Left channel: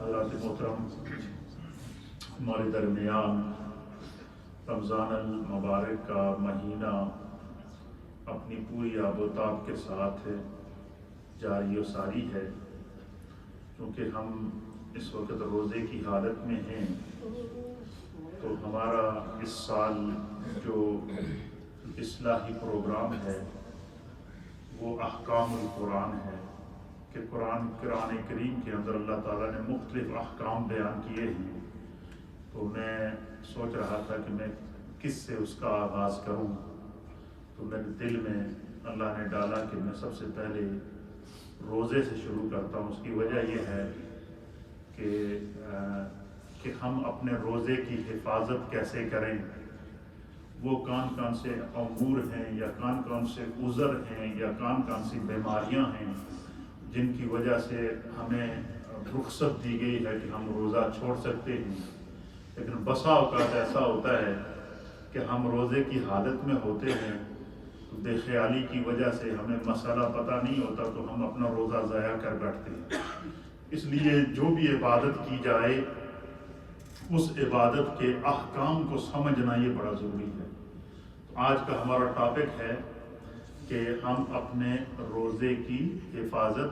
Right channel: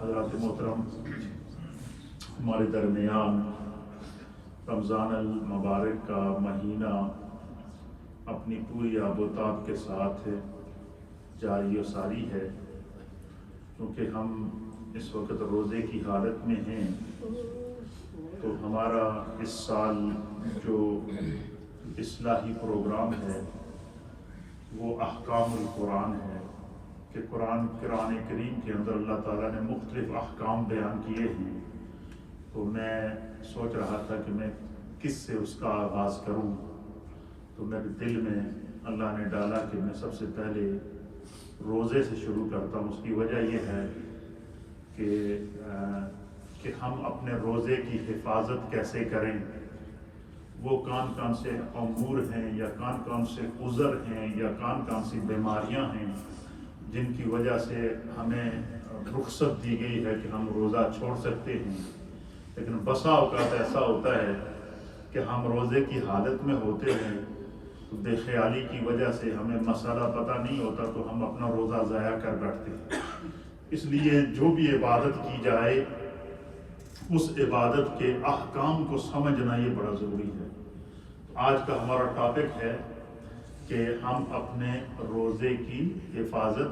حضرات محترم، ہمارے درمیان رمضان المبارک کا مہینہ اپنی پوری آب و تاب کے ساتھ جاری و ساری ہے۔ کیونکہ ہم اس وقت روزے کی حالت میں ہیں، تو ہمارا اس سال جو اصلاحی پروگرام ہے وہ احکام القرآن ہے کہ قرآن کریم کے اندر اللہ تعالیٰ نے مختلف احکام بیان کیے ہیں۔ تو میں سوچ رہا تھا کہ میں کس سے اس کا آغاز کروں، تو میرے دل میں اللہ نے ڈالا کہ میں سب سے پہلے روزے سے شروع کرتا ہوں۔ اس کی وجہ یہ ہے کہ ہم اپنے روزے کی حفاظت کیسے کریں، وہ کون سے امور ہیں یا کون سے عذر ہیں یا کون سی بیماریاں ہیں جن کی وجہ سے ہمیں رخصت دی گئی ہے کہ ہم روزہ چھوڑ سکتے ہیں۔ لیکن بسا اوقات ایسا ہوتا ہے کہ ہم روزے کی حالت میں ہوتے ہیں، بے خیالی کی وجہ سے ہمیں مسئلہ پتہ نہیں ہوتا تو ہم اپنا روزہ ضائع کر بیٹھتے ہیں۔ اس لیے جو بھی عبادت کی جائے اس عبادت کے احکام کو سمجھنا یہ بڑا ضروری ہے۔ آج کا ہمارا ٹاپک ہے کہ ہم اپنے روزے کی حفاظت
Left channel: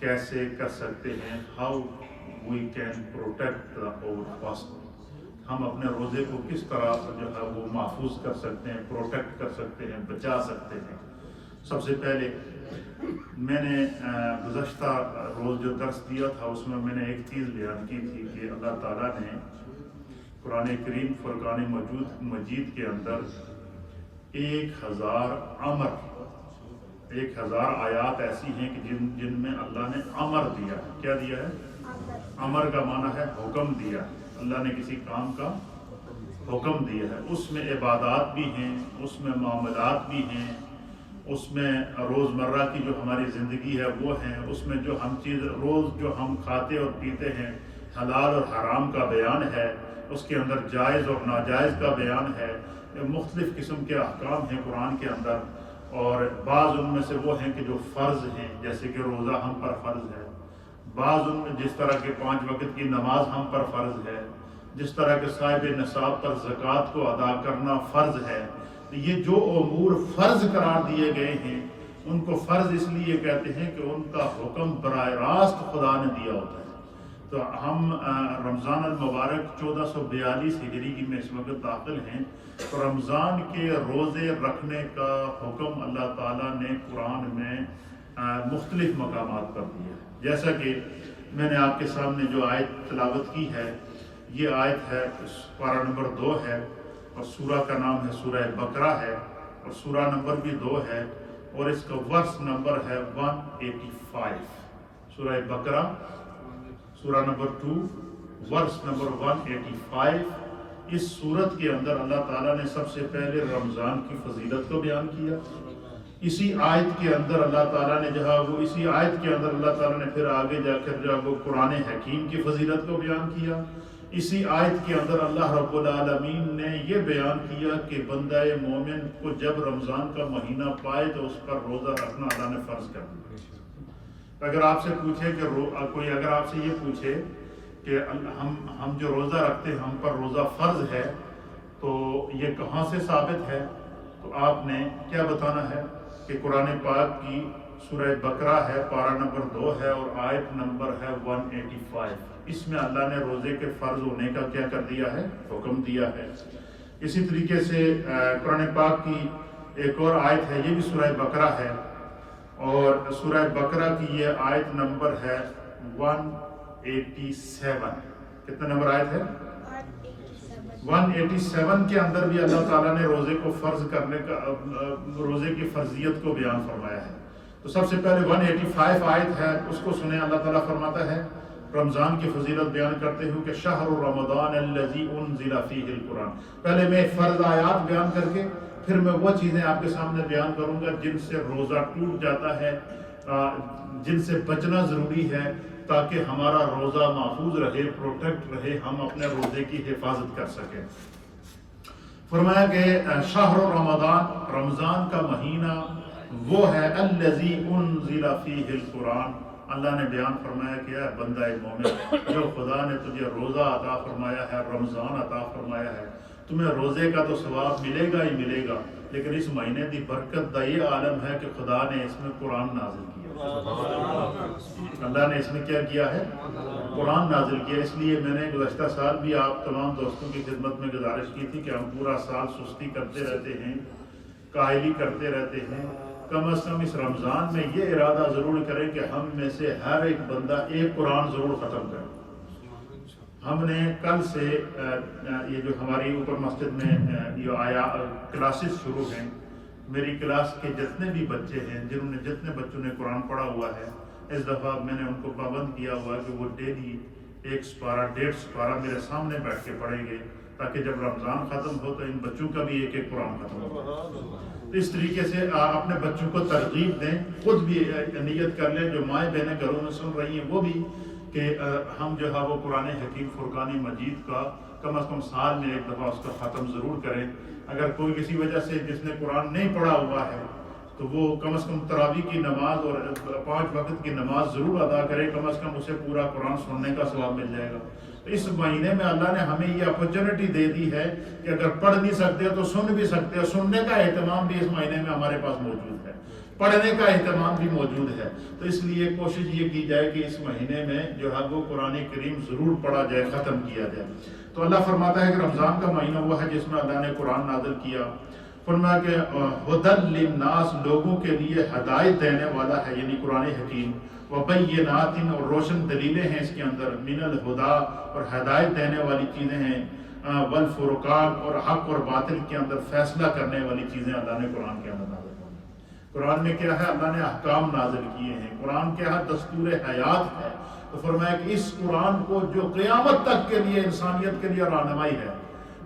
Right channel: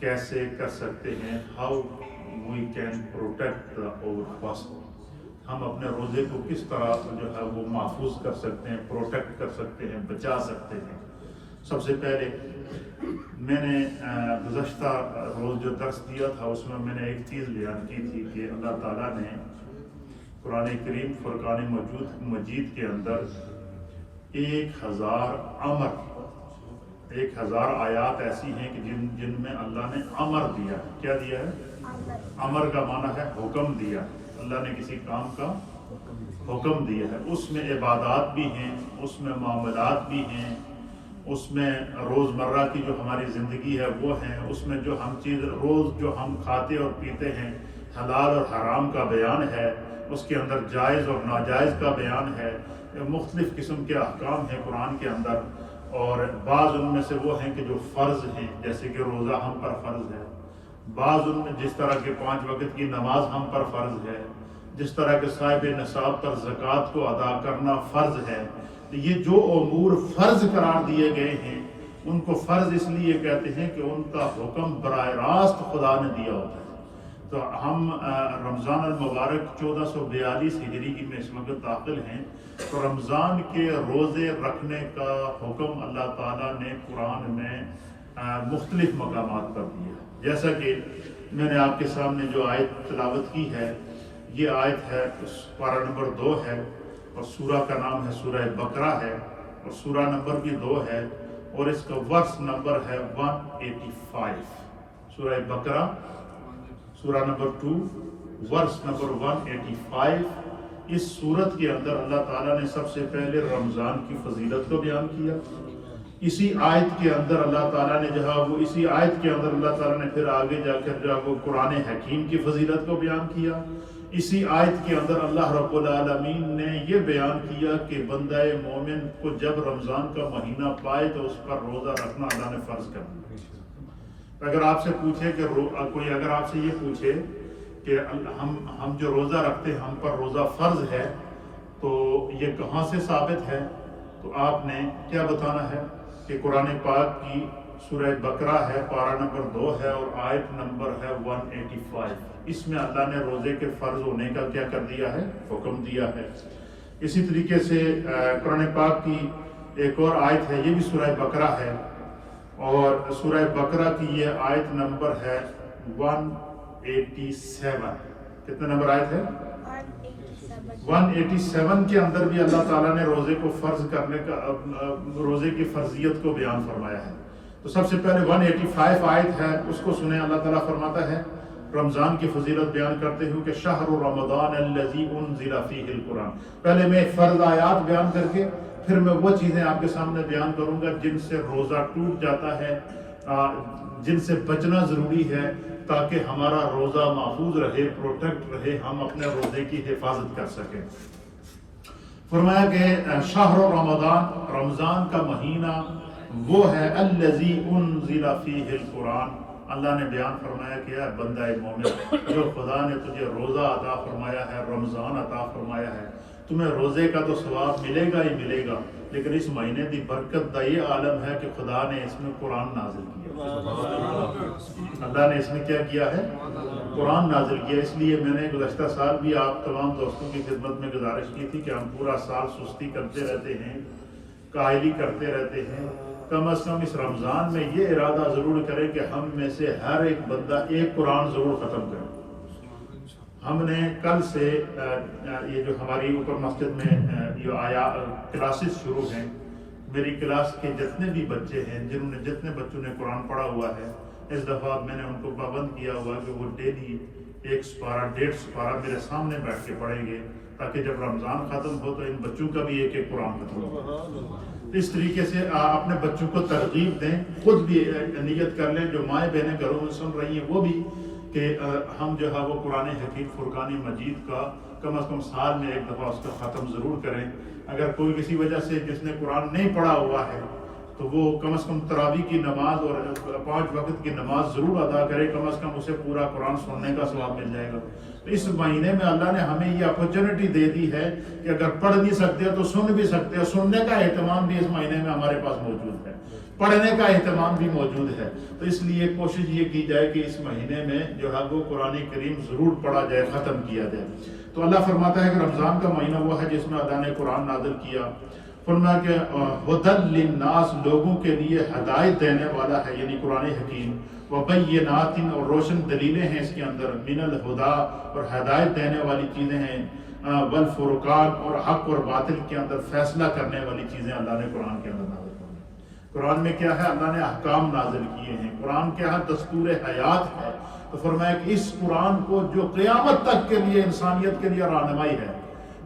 کیسے کر سکتے ہیں، how we can protect our fast۔ ہم اپنے روزے کو کس طرح جو ہے وہ محفوظ کر سکتے ہیں، پروٹیکٹ کر سکتے ہیں، بچا سکتے ہیں۔ سب سے پہلے میں نے گزشتہ روز جو درس دیا تھا اس میں نے ایک چیز بیان کی تھی کہ اللہ تعالیٰ نے قرآن کریم فرقان مجید کے اندر 1000 آیات ایسی ہیں کہ جن میں اللہ نے امر دیا ہے۔ کیا دیا ہے؟ امر کا معنی ہے حکم دیا ہے۔ اللہ نے کسی کام کا حکم دیا ہے، اس میں عبادات بھی ہیں، اس میں معاملات بھی ہیں، اس میں روزمرہ کی جو ہماری زندگی ہے وہ ہیں، اس میں جو ہم چیز روز جو ہم کھاتے اور پیتے ہیں حلال اور حرام کا بیان ہے، اس کے اندر جائز اور ناجائز کا بیان ہے۔ مختلف قسم کے احکام ہیں قرآن کے اندر، اور بعض ان میں سے وہ ہیں کہ جو فرض ہیں، جیسے کہ روزہ ہم پر فرض ہے، بعض ان میں جس طرح کے 5 وقت کی نماز ہم پر فرض ہے، جس طرح کے صاحب نصاب پر زکوٰۃ کو ادا کرنا فرض ہے۔ یہ جو امور فرض قرار دیے گئے ہیں ان کو فرض اس لیے کہتے ہیں کہ ان کا حکم براہ راست خدا نے دیا ہوتا ہے۔ تو ہم رمضان المبارک 1442 ہجری کی میں اس وقت داخل ہیں، تو رمضان کے روزے رکھنے کا حکم اللہ تعالیٰ نے قرآن میں مختلف مقامات پر دیا ہے۔ جیسا کہ میں نے آپ کے سامنے جو آیت تلاوت کی ہے، یہ آیت ہے پارہ نمبر 2 ہے، اور سورہ کا نام ہے سورہ بقرہ ہے، اور سورہ نمبر بھی 2 ہے، اور اس کا ورس نمبر ہے 185۔ سورہ بقرہ سورہ نمبر 2 ورس نمبر 185۔ اس سورت کے اندر اللہ تعالیٰ نے سب سے پہلے رمضان کی فضیلت کو بیان کیا۔ اسی آیت کے اندر اللہ تعالیٰ نے اسی آیت کے اندر اللہ تعالیٰ نے پھر آگے جا کر وہ قرآن حکیم کی فضیلت کو بیان کیا۔ اسی آیت کے اندر اللہ رب العالمین نے یہ بیان کیا کہ بندہ مومن کو جب رمضان کا مہینہ پائے تو اس پر روزہ رکھنا اللہ نے فرض کر دیا۔ اگر آپ سے پوچھے کہ کوئی اگر آپ سے یہ پوچھے کہ ہم جو روزہ رکھتے ہیں ہم پر روزہ فرض ہے، تو یہ کہاں سے ثابت ہے، تو آپ نے کیا بتانا ہے کہ قرآن پاک کی سورہ بقرہ ہے، پارہ نمبر 2 ہے، اور آیت نمبر ہے 185۔ اس میں اللہ نے روزے کے فرض ہونے کا کیا کر دیا ہے، حکم دیا ہے۔ اسی طریقے سے قرآن پاک کی ایک اور آیت ہے، یہ بھی سورہ بقرہ ہے، اور سورہ بقرہ کی یہ آیت نمبر ہے 187۔ کتنا نمبر آیت ہے؟ 187 کے اندر بھی اللہ تعالیٰ نے روزے کو فرض کرنے کا روزے کی فرضیت کو بیان فرمایا ہے۔ تو سب سے پہلے 185 آیت ہے، اس کو سنیں۔ اللہ تعالیٰ فرماتا ہے رمضان کی فضیلت بیان کرتے ہوئے کہ شہر رمضان الذی انزل فیہ القرآن۔ پہلے میں فرض آیات بیان کر کے پھر میں وہ چیزیں آپ کے سامنے بیان کروں گا جن سے روزہ ٹوٹ جاتا ہے، جن سے بچنا ضروری ہے تاکہ ہمارا روزہ محفوظ رہے، پروٹیکٹ رہے، ہم اپنے روزے کی حفاظت کر سکیں۔ فرمایا کہ شہر رمضان، رمضان کا مہینہ وہ ہے الذی انزل فیہ القرآن، اللہ نے بیان فرمایا کہ اے بندہ مومن، جو خدا نے تجھے روزہ عطا فرمایا ہے، رمضان عطا فرمایا ہے، تمہیں روزے کا تو ثواب ملے گا ہی ملے گا، لیکن اس مہینے دی برکت دا یہ عالم ہے کہ خدا نے اس میں قرآن نازل کیا، اللہ نے اس میں کیا کیا ہے؟ قرآن نازل کیا۔ اس لیے میں نے گزشتہ سال بھی آپ تمام دوستوں کی خدمت میں گزارش کی تھی کہ ہم پورا سال سستی کرتے رہتے ہیں، کاہلی کرتے رہتے ہیں، کم از کم اس رمضان میں یہ ارادہ ضرور کریں کہ ہم میں سے ہر ایک بندہ ایک قرآن ضرور ختم کرے۔ ہم نے کل سے یہ جو ہماری اوپر مسجد میں یہ آیا کلاسز شروع ہیں، میری کلاس کے جتنے بھی بچے ہیں، جتنے بچوں نے قرآن پڑھا ہوا ہے، اس دفعہ میں نے ان کو پابند کیا ہوا کہ وہ ڈیلی 1 سپارہ 1.5 سپارہ میرے سامنے بیٹھ کے پڑھیں گے، تاکہ جب رمضان ختم ہو تو ان بچوں کا بھی ایک قرآن ختم ہو۔ تو اس طریقے سے اپنے بچوں کو ترغیب دیں، خود بھی نیت کر لیں، جو مائیں بہنیں گھروں میں سن رہی ہیں وہ بھی، کہ ہم جو ہے وہ قرآن حکیم فرقان مجید کا کم از کم سال میں ایک دفعہ اس کا ختم ضرور کریں۔ اگر کوئی کسی وجہ سے جس نے قرآن نہیں پڑھا ہوا ہے تو وہ کم از کم تراویح کی نماز اور 5 وقت کی نماز ضرور ادا کرے، کم از کم اسے پورا قرآن سننے کا ثواب مل جائے گا۔ تو اس مہینے میں اللہ نے ہمیں یہ اپرچونٹی دے دی ہے کہ اگر پڑھ نہیں سکتے تو سن بھی سکتے ہیں، سننے کا اہتمام بھی اس مہینے میں ہمارے پاس موجود ہے، پڑھنے کا اہتمام بھی موجود ہے۔ تو اس لیے کوشش یہ کی جائے کہ اس مہینے میں جو ہے وہ قرآن کریم ضرور پڑھا جائے، ختم کیا جائے۔ تو اللہ فرماتا ہے کہ رمضان کا مہینہ وہ ہے جس میں اللہ نے قرآن نازل کیا، فرمایا کہ ہدی للناس، لوگوں کے لیے ہدایت دینے والا ہے، یعنی قرآن حکیم، وبینات، اور روشن دلیلیں ہیں اس کے اندر، من الہدا، اور ہدایت دینے والی چیزیں ہیں، والفرقان، اور حق اور باطل کے اندر فیصلہ کرنے والی چیزیں اللہ نے قرآن کے اندر نازل کی۔ قرآن میں کیا ہے؟ اللہ نے احکام نازل کیے ہیں، قرآن کیا ہے؟ دستور حیات ہے۔ تو فرمایا کہ اس قرآن کو جو قیامت تک کے لیے انسانیت کے لیے رہنمائی ہے،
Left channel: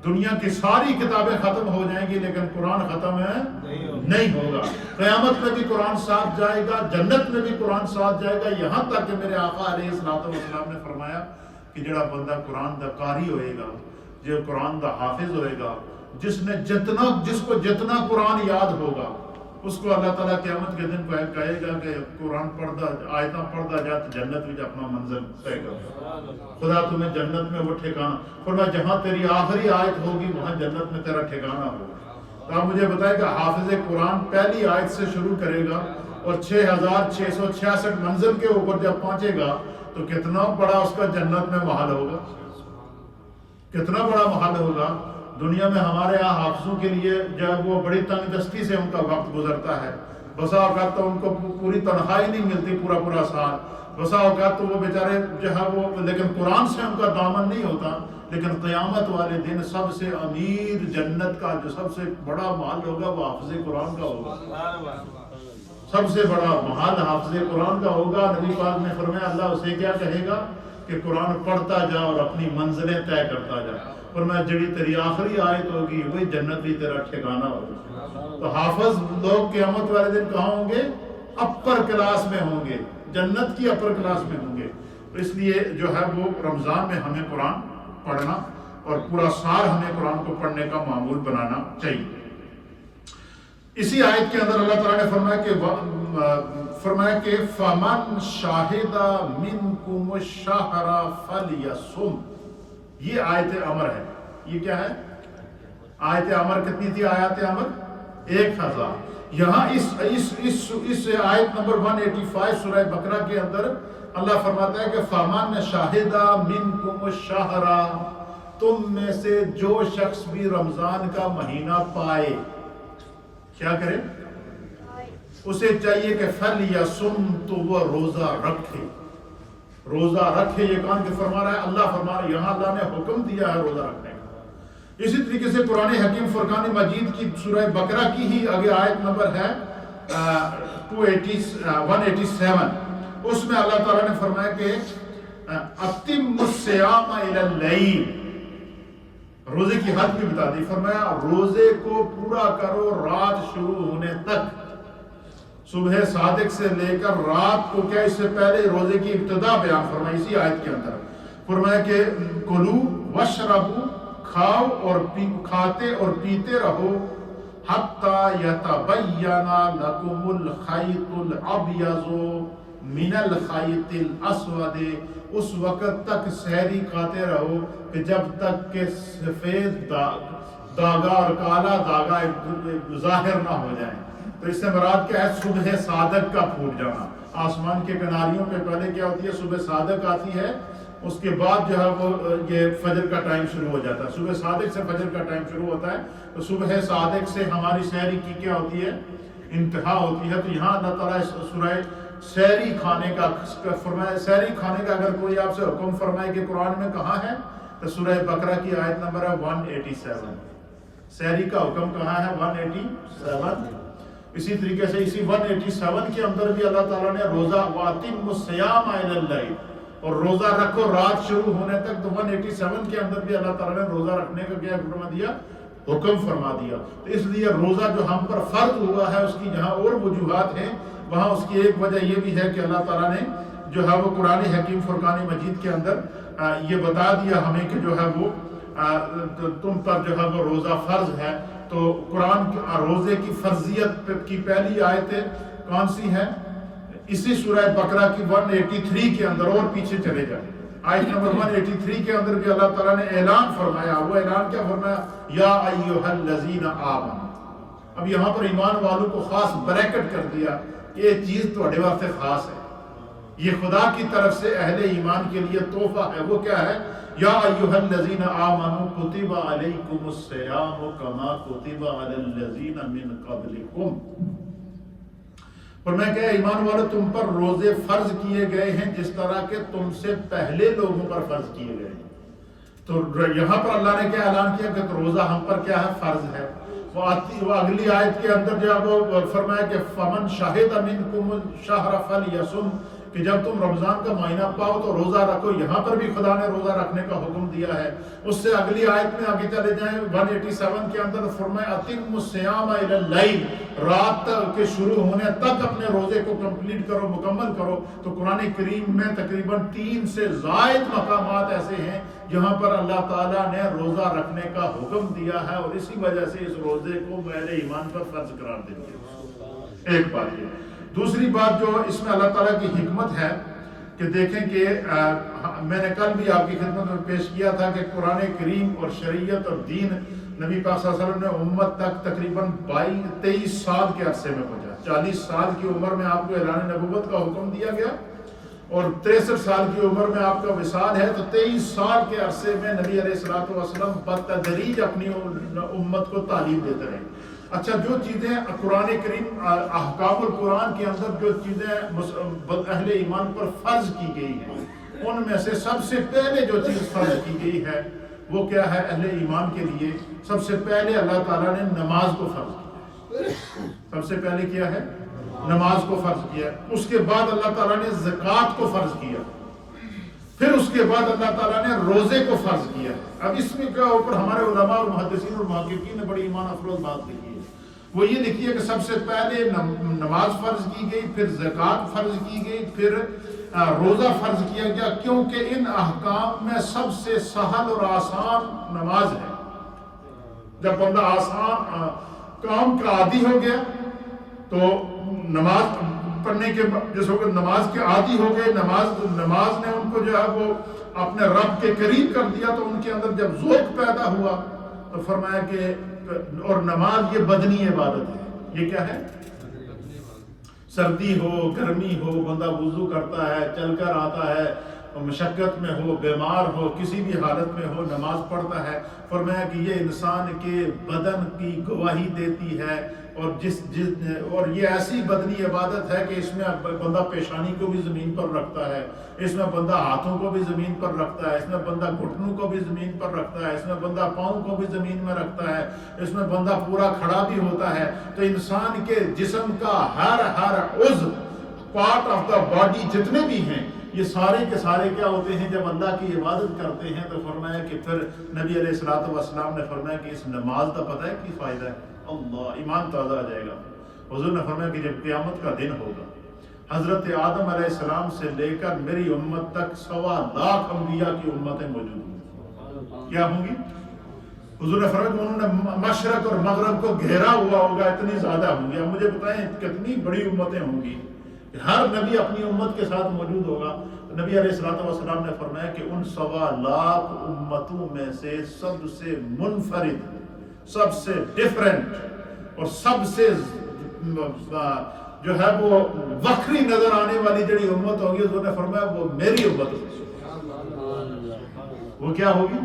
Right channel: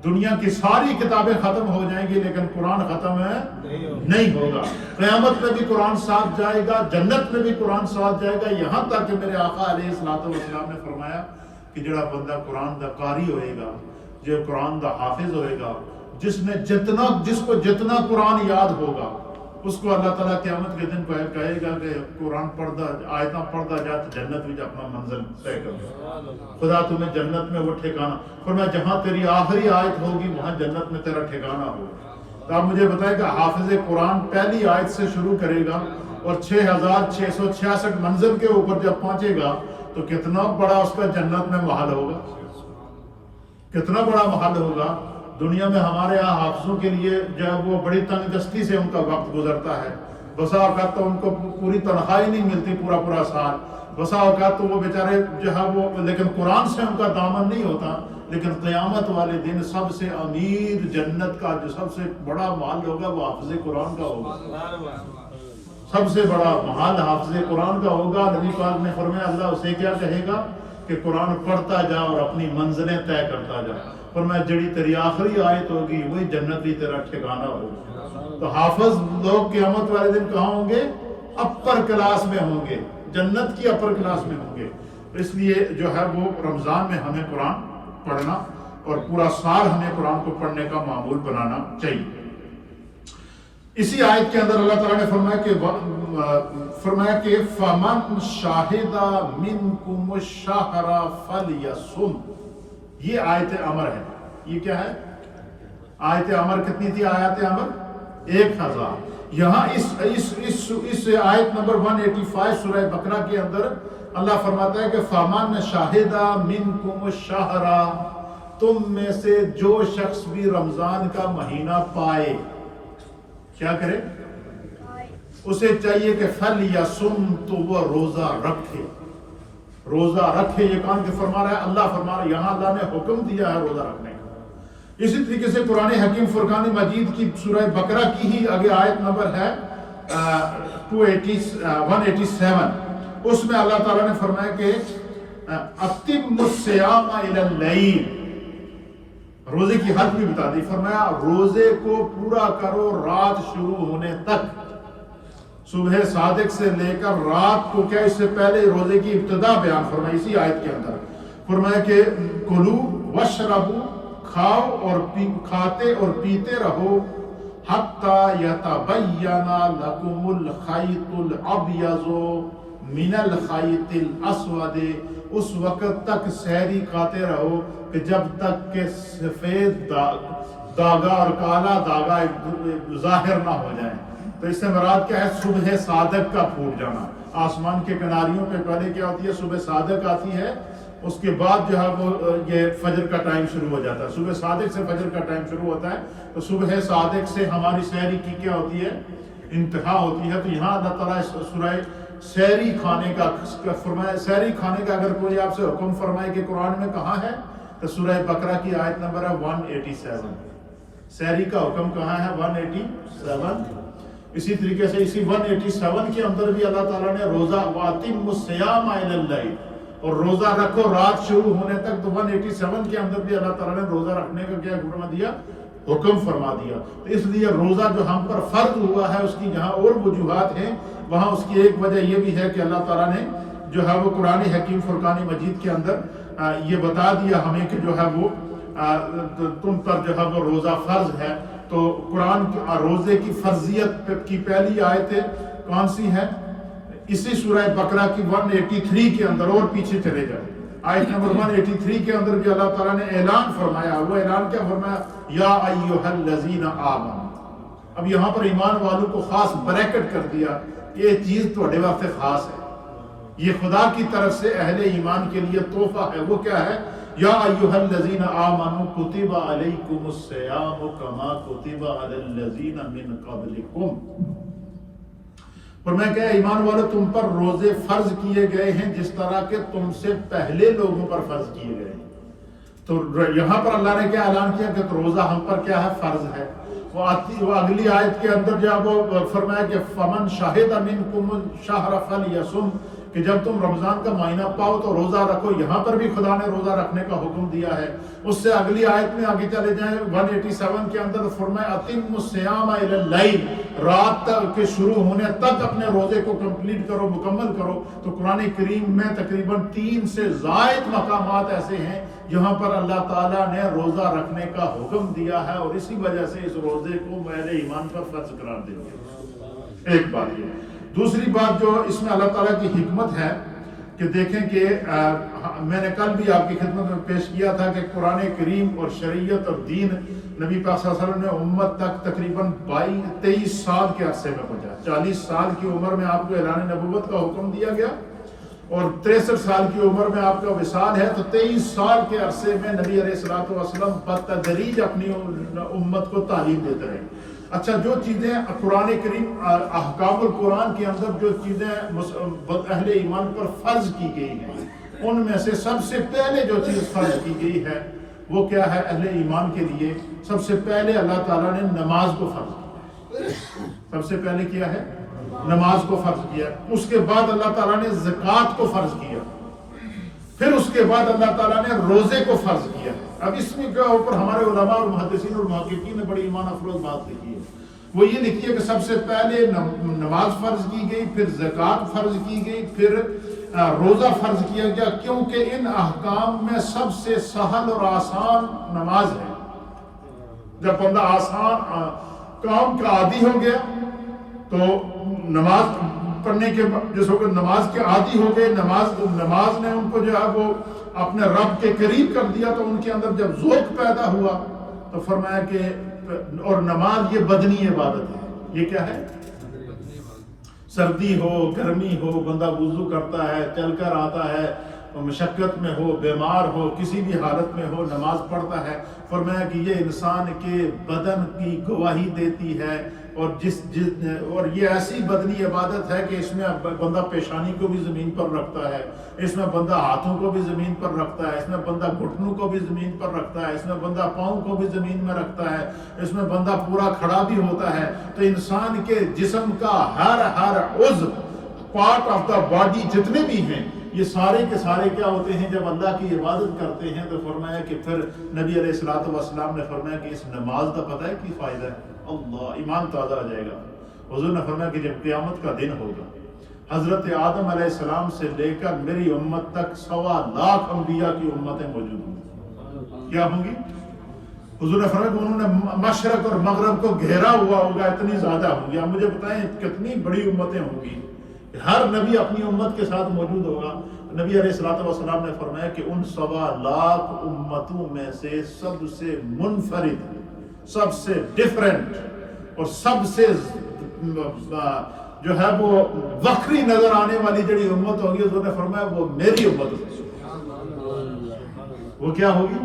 دنیا کی ساری کتابیں ختم ہو جائیں گی لیکن قرآن ختم نہیں ہوگا۔ قیامت میں بھی قرآن ساتھ جائے گا، جنت میں بھی قرآن ساتھ جائے گا، یہاں تک کہ میرے آقا علیہ السلام نے فرمایا کہ جڑا بندہ قرآن دا قاری ہوئے گا، جو قرآن دا حافظ ہوئے گا، جس کو جتنا قرآن یاد ہوگا، اس کو اللہ تعالیٰ قیامت کے دن کہے گا کہ قرآن پڑھتا آیتاں پڑھتا جا تو جنت میں اپنا منزل طے کر، خدا تمہیں جنت میں وہ ٹھکانہ، فرمایا جہاں تیری آخری آیت ہوگی وہاں جنت میں تیرا ٹھکانہ ہوگا۔ تو آپ مجھے بتائیں کہ حافظ قرآن پہلی آیت سے شروع کرے گا اور 6666 منزل کے اوپر جب پہنچے گا تو کتنا بڑا اس کا جنت میں محل ہوگا، کتنا بڑا محل ہوگا۔ دنیا میں ہمارے ہاں حافظوں کے لیے جب وہ بڑی تنگ دستی سے ان کا وقت گزرتا ہے، بسا اوقات تو ان کو پوری تنخواہی نہیں ملتی پورا سال، بسا اوقات تو وہ بیچارے جو ہے وہ، لیکن قرآن سے ان کا دامن نہیں ہوتا۔ لیکن قیامت والے دن سب سے امیر جنت کا جو سب سے بڑا محل ہوگا وہ حافظ قرآن کا ہوگا، سب سے بڑا محل حافظ قرآن کا ہوگا۔ نبی پاک نے فرمایا اللہ اسے کیا کہے گا کہ قرآن پڑھتا جا اور اپنی منزلیں طے کرتا جا، فرمایا جڑی تیری آخری آیت ہوگی وہی جنت بھی تیرا ٹھکانہ ہوگا۔ تو حافظ لوگ قیامت والے دن کہاں ہوں گے؟ اپر کلاس میں ہوں گے، جنت کی اپر کلاس میں ہوں گے۔ اس لیے جو ہے وہ رمضان میں ہمیں قرآن پڑھنا اور پورا سال ہمیں قرآن کو پڑھنے کا معمول بنانا چاہیے۔ اسی آیت کے اندر اللہ تعالیٰ نے فرمایا کہ فَمَنْ شَاهِدَ مِنْكُمُ الشَّهْرَ فَلْيَصُمْ، یہ آیت امر ہے۔ یہ کیا ہے؟ آیت امر کتنی تھی؟ آیات امر 1000۔ یہاں اس آیت نمبر 185 سورہ بقرہ کے اندر اللہ فرماتا ہے کہ فَمَنْ شَاهِدَ مِنْكُمُ الشَّهْرَ، تم میں سے جو شخص بھی رمضان کا مہینہ پائے، کیا کرے؟ اسے چاہیے کہ فَلْيَصُمْ، تو وہ روزہ رکھے، روزہ رکھے۔ یہ کون کہ فرما رہا ہے؟ اللہ فرما رہا ہے، یہاں اللہ نے حکم دیا ہے روزہ رکھنے کا۔ اسی طریقے سے قرآن حکیم فرقان مجید کی سورہ بقرہ کی ہی آگے آیت نمبر ہے 187، اس میں اللہ تعالیٰ نے فرمایا کہ اَتِمُّ الصِّيَامَ إِلَى اللَّيْلِ، روزے کی حد بھی بتا دی، فرمایا روزے کو پورا کرو رات شروع ہونے تک، صبح صادق سے لے کر رات کو، کیا اس سے پہلے روزے کی ابتدا بیان فرمائی اسی آیت کے اندر، فرمایا کہ کلو وشربو، کھاؤ اور کھاتے اور پیتے رہو، حتی یتبین لکم الخیط الابیض من الخیط الاسود، اس وقت تک سحری کھاتے رہو کہ جب تک کہ سفید داغا اور کالا داغا ظاہر نہ ہو جائے۔ تو اس سے مراد کیا ہے؟ صبح صادق کا پھوٹ جانا۔ آسمان کے کناریوں پہ پہلے کیا ہوتی ہے؟ صبح صادق آتی ہے، اس کے بعد جو ہے وہ یہ فجر کا ٹائم شروع ہو جاتا ہے۔ صبح صادق سے فجر کا ٹائم شروع ہوتا ہے، تو صبح صادق سے ہماری سحری کی کیا ہوتی ہے؟ انتہا ہوتی ہے۔ تو یہاں اللہ تعالیٰ سورہ سحری کھانے کا فرمایا۔ سحری کھانے کا اگر کوئی آپ سے حکم فرمائے کہ قرآن میں کہاں ہے، تو سورہ بقرہ کی آیت نمبر ہے 187۔ سحری کا حکم کہاں ہے؟ 187۔ اسی طریقے سے اسی 187 کے اندر بھی اللہ تعالیٰ نے روزہ وَأَتِمُّ الصِّيَامَ إِلَى اللَّيْلِ، اور روزہ رکھو رات شروع ہونے تک۔ تو 187 کے اندر بھی اللہ تعالیٰ نے روزہ رکھنے کا کیا فرما دیا؟ حکم فرما دیا۔ تو اس لیے روزہ جو ہم پر فرض ہوا ہے، اس کی جہاں اور وجوہات ہیں، وہاں اس کی ایک وجہ یہ بھی ہے کہ اللہ تعالیٰ نے جو ہے وہ قرآن حکیم فرقان مجید کے اندر یہ بتا دیا ہمیں کہ جو ہے وہ تم پر جو ہے وہ روزہ فرض ہے۔ تو قرآن روزے کی فرضیت کی پہلی آیت کون سی ہے؟ اسی سورہ بقرہ کی 183 کے اندر، اور پیچھے چلے جائیں، آیت نمبر 183 کے اندر بھی اللہ تعالیٰ نے اعلان فرمایا۔ وہ اعلان کیا فرمایا؟ یا ایھا الذین آمنوا۔ اب یہاں پر ایمان والوں کو خاص بریکٹ کر دیا، یہ چیز تھوڑے واسطے خاص ہے، یہ خدا کی طرف سے اہل ایمان کے لیے تحفہ ہے۔ وہ کیا ہے؟ یا ایھا الذین آمنوا کتب علیکم الصیام کما کتب علی الذین من قبلکم۔ فرمایا کہ ایمان والو تم پر روزے فرض کیے گئے ہیں جس طرح کہ تم سے پہلے لوگوں پر فرض کیے گئے ہیں۔ تو یہاں پر اللہ نے کیا اعلان کیا کہ روزہ ہم پر کیا ہے؟ فرض ہے۔ وہ اگلی آیت کے اندر جب وہ فرمایا کہ فمن شاہد منکم الشہر فلیصم، کہ جب تم رمضان کا مہینہ پاؤ تو روزہ رکھو۔ یہاں پر بھی خدا نے روزہ رکھنے کا حکم دیا ہے۔ اس سے اگلی آیت میں آگے چلے جائیں 187 کے اندر فرمایا اتم الصیام الی اللیل، رات کے شروع ہونے تک اپنے روزے کو کمپلیٹ کرو، مکمل کرو۔ تو قرآن کریم میں تقریباً 3 سے زائد مقامات ایسے ہیں جہاں پر اللہ تعالیٰ نے روزہ رکھنے کا حکم دیا ہے، اور اسی وجہ سے اس روزے کو اہل ایمان پر فرض قرار دیا ہے۔ ایک بات یہ۔ دوسری بات جو اس میں اللہ تعالیٰ کی حکمت ہے کہ دیکھیں کہ میں نے کل بھی آپ کی خدمت میں پیش کیا تھا کہ قرآن کریم اور شریعت اور دین نبی پاک صلی اللہ علیہ وسلم نے امت تک تقریباً 23 سال کے عرصے میں پہنچا۔ 40 سال کی عمر میں آپ کو اعلان نبوت کا حکم دیا گیا، اور 63 سال کی عمر میں آپ کا وصال ہے۔ تو 23 سال کے عرصے میں نبی علیہ الصلوۃ والسلام بتدریج اپنی امت کو تعلیم دیتے رہے۔ اچھا، جو چیزیں قرآن کریم احکام القرآن کے اندر جو چیزیں اہل ایمان پر فرض کی گئی ہیں، ان میں سے سب سے پہلے جو چیز فرض کی گئی ہے وہ کیا ہے؟ اہل ایمان کے لیے سب سے پہلے اللہ تعالیٰ نے نماز کو فرض کیا۔ سب سے پہلے کیا ہے؟ نماز کو فرض کیا۔ اس کے بعد اللہ تعالیٰ نے زکوٰۃ کو فرض کیا، پھر اس کے بعد اللہ تعالیٰ نے روزے کو فرض کیا۔ اب اس میں کے اوپر ہمارے علماء اور محدثین اور محققین نے بڑی ایمان افروز بات لکھی ہے۔ وہ یہ لکھی ہے کہ سب سے پہلے نماز فرض کی گئی، پھر زکوٰۃ فرض کی گئی، پھر روزہ فرض کیا گیا، کیونکہ ان احکام میں سب سے سہل اور آسان نماز ہے۔ جب بندہ آسان کام کا عادی ہو گیا تو نماز پڑھنے کے جس وقت نماز کے عادی ہو گئے، نماز نے ان کو جو ہے وہ اپنے رب کے قریب کر دیا، تو ان کے اندر جب ذوق پیدا ہوا تو فرمایا کہ اور نماز یہ بدنی عبادت ہے۔ یہ کیا ہے؟ سردی ہو گرمی ہو، بندہ وضو کرتا ہے، چل کر آتا ہے، مشقت میں ہو، بیمار ہو، کسی بھی حالت میں ہو، نماز پڑھتا ہے۔ فرمایا کہ یہ انسان کے بدن کی گواہی دیتی ہے، اور یہ ایسی بدنی عبادت ہے کہ اس میں بندہ پیشانی کو بھی زمین پر رکھتا ہے، اس میں بندہ ہاتھوں کو بھی زمین پر رکھتا ہے، اس میں بندہ گھٹنوں کو بھی زمین پر رکھتا ہے، اس میں بندہ پاؤں کو بھی زمین میں رکھتا ہے، اس میں بندہ پورا کھڑا بھی ہوتا ہے۔ تو انسان کے جسم کا ہر عضو، پارٹ آف دا باڈی جتنے بھی ہیں، یہ سارے کے سارے کیا ہوتے ہیں؟ جب اللہ کی عبادت کرتے ہیں تو فرمایا کہ پھر نبی علیہ الصلوۃ والسلام نے فرمایا کہ اس نماز کا پتہ ہے کی فائدہ ہے؟ اللہ، ایمان تازہ ہو جائے گا۔ حضور نے فرمایا کہ جب قیامت کا دن ہوگا، حضرت آدم علیہ السلام سے لے کر میری امت تک 1.25 انبیاء کی امتیں موجود ہوں گی۔ کیا ہوں گی؟ حضور نے فرمایا کہ انہوں نے مشرق اور مغرب کو گھیرا ہوا ہوگا، اتنی زیادہ ہوں گی۔ اب مجھے بتائیں کتنی بڑی امتیں ہوں گی کہ ہر نبی اپنی امت کے ساتھ موجود ہوگا. نبی علیہ الصلوۃ والسلام نے فرمایا کہ ان 1.25 لاکھ امتوں میں سے سب سے منفرد، سب سے ڈیفرنٹ اور سب سے جو ہے وہ وکری نظر آنے والی جڑی امت ہوگی، اس نے فرمایا وہ میری امت ہوگی. وہ کیا ہوگی؟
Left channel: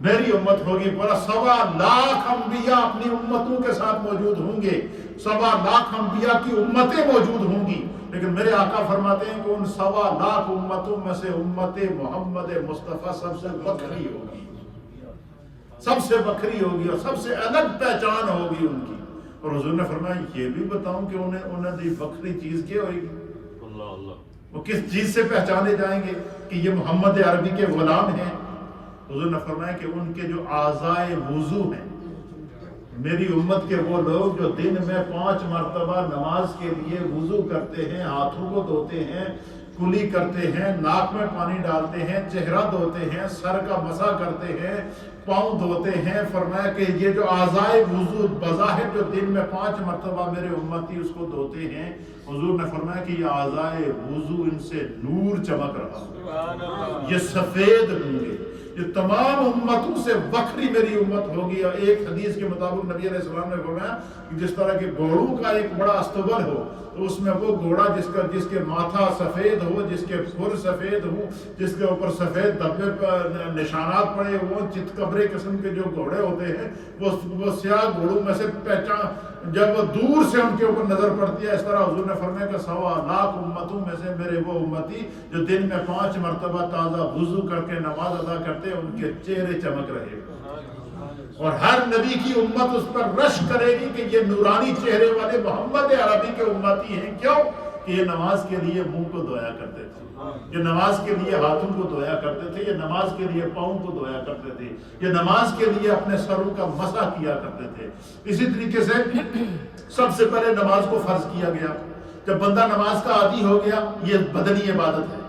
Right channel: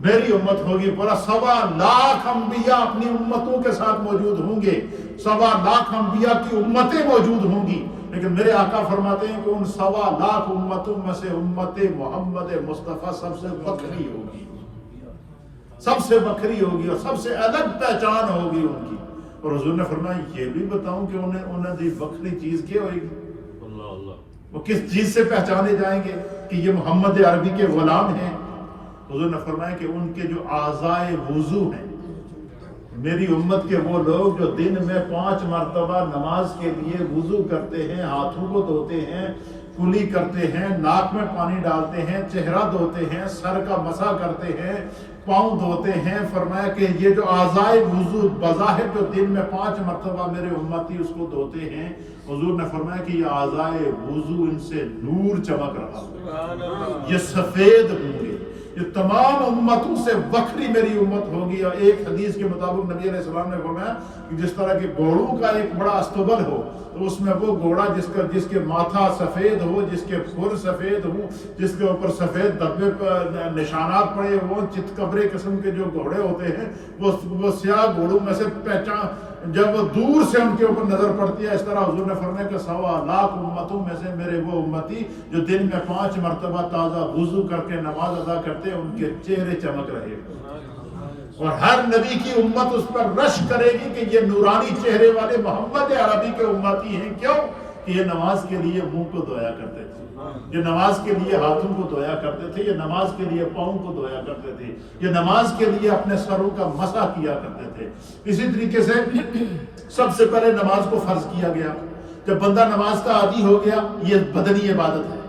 میری امت ہوگی. بولا 1.25 لاکھ انبیاء اپنی امتوں کے ساتھ موجود ہوں گے، 1.25 لاکھ انبیاء کی امتیں موجود ہوں گی، لیکن میرے آقا فرماتے ہیں کہ ان 1.25 لاکھ امتوں میں سے امت محمد مصطفیٰ سب سے بکری ہوگی، سب سے بکری ہوگی اور سب سے الگ پہچان ہوگی ان کی. اور حضور نے فرمایا یہ بھی بتاؤں کہ انہیں دی بکری چیز کیا ہوئے گی؟ وہ کس چیز سے پہچانے جائیں گے کہ یہ محمد عربی کے غلام ہیں؟ حضور نے فرمایا کہ ان کے جو اعضائے وضو ہیں، میری امت کے وہ لوگ جو دن میں 5 مرتبہ نماز کے لیے وضو کرتے ہیں، ہاتھوں کو دھوتے ہیں، کلی کرتے ہیں، ناک میں پانی ڈالتے ہیں، چہرہ دھوتے ہیں، سر کا مسح کرتے ہیں، پاؤں دھوتے ہیں. فرمایا کہ یہ جو اعضائے وضو بظاہر جو دن میں 5 مرتبہ میرے امتی اس کو دھوتے ہیں، حضور نے فرمایا کہ یہ اعضائے وضو ان سے نور چمک رہا، یہ سفید ہوں گے، یہ تمام امتوں سے وکری میری امت ہوگی. اور ایک حدیث کے مطابق نبی علیہ السلام نے فرمایا کہ جس طرح کے گھوڑوں کا ایک بڑا استبل ہو، تو اس میں وہ گھوڑا جس کے ماتھا سفید ہو، جس کے پھر سفید ہو، جس کے اوپر سفید دبے پر نشانات پڑے ہوں، چتکبرے قسم کے جو گھوڑے ہوتے ہیں وہ سیاہ گھوڑوں میں سے پہچان جب وہ دور سے ان کے اوپر نظر پڑتی ہے. اس طرح حضور نے فرمایا کہ 1.25 لاکھ امتوں میں سے میرے وہ امتی جو دن میں 5 مرتبہ تازہ وضو کر کے نماز ادا کرتے ان کے چہرے چمک رہے، اور ہر نبی کی امت اس پر رش کرے گی کہ یہ نورانی چہرے والے محمد عربی کے امتی ہیں. کیوں؟ کہ یہ نماز کے لیے منہ کو دھویا کرتے تھے، یہ نماز کے لیے ہاتھوں کو دھویا کرتے تھے، یہ نماز کے لیے پاؤں کو دھویا کرتے تھے، یہ نماز کے لیے اپنے سروں کا مسح کیا کرتے تھے. اسی طریقے سے سب سے پہلے نماز کو فرض کیا گیا. جب بندہ نماز کا عادی ہو گیا، یہ بدنی عبادت ہے.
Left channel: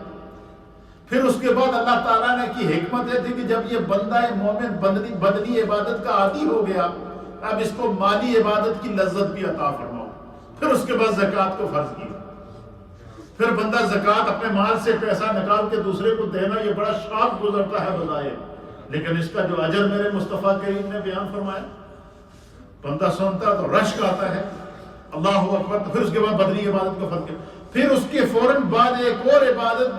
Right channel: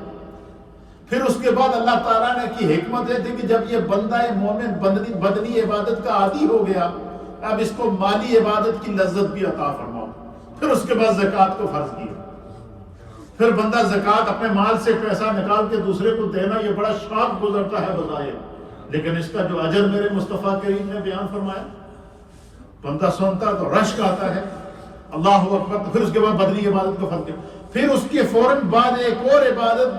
پھر اس کے بعد اللہ تعالیٰ نے کی حکمت یہ تھی کہ جب یہ بندہ مومن بدنی عبادت کا عادی ہو گیا، اب اس کو مالی عبادت کی لذت بھی عطا فرماؤ. پھر اس کے بعد زکوٰۃ کو فرض کیا. پھر بندہ زکوٰۃ اپنے مال سے پیسہ نکال کے دوسرے کو دینا یہ بڑا شاق گزرتا ہے بظاہر، لیکن اس کا جو اجر میرے مصطفیٰ کریم نے بیان فرمایا، بندہ سنتا تو رشک آتا ہے، اللہ اکبر. تو پھر اس کے بعد بدنی عبادت کو فرض کیا. پھر اس کے فوراً بعد ایک اور عبادت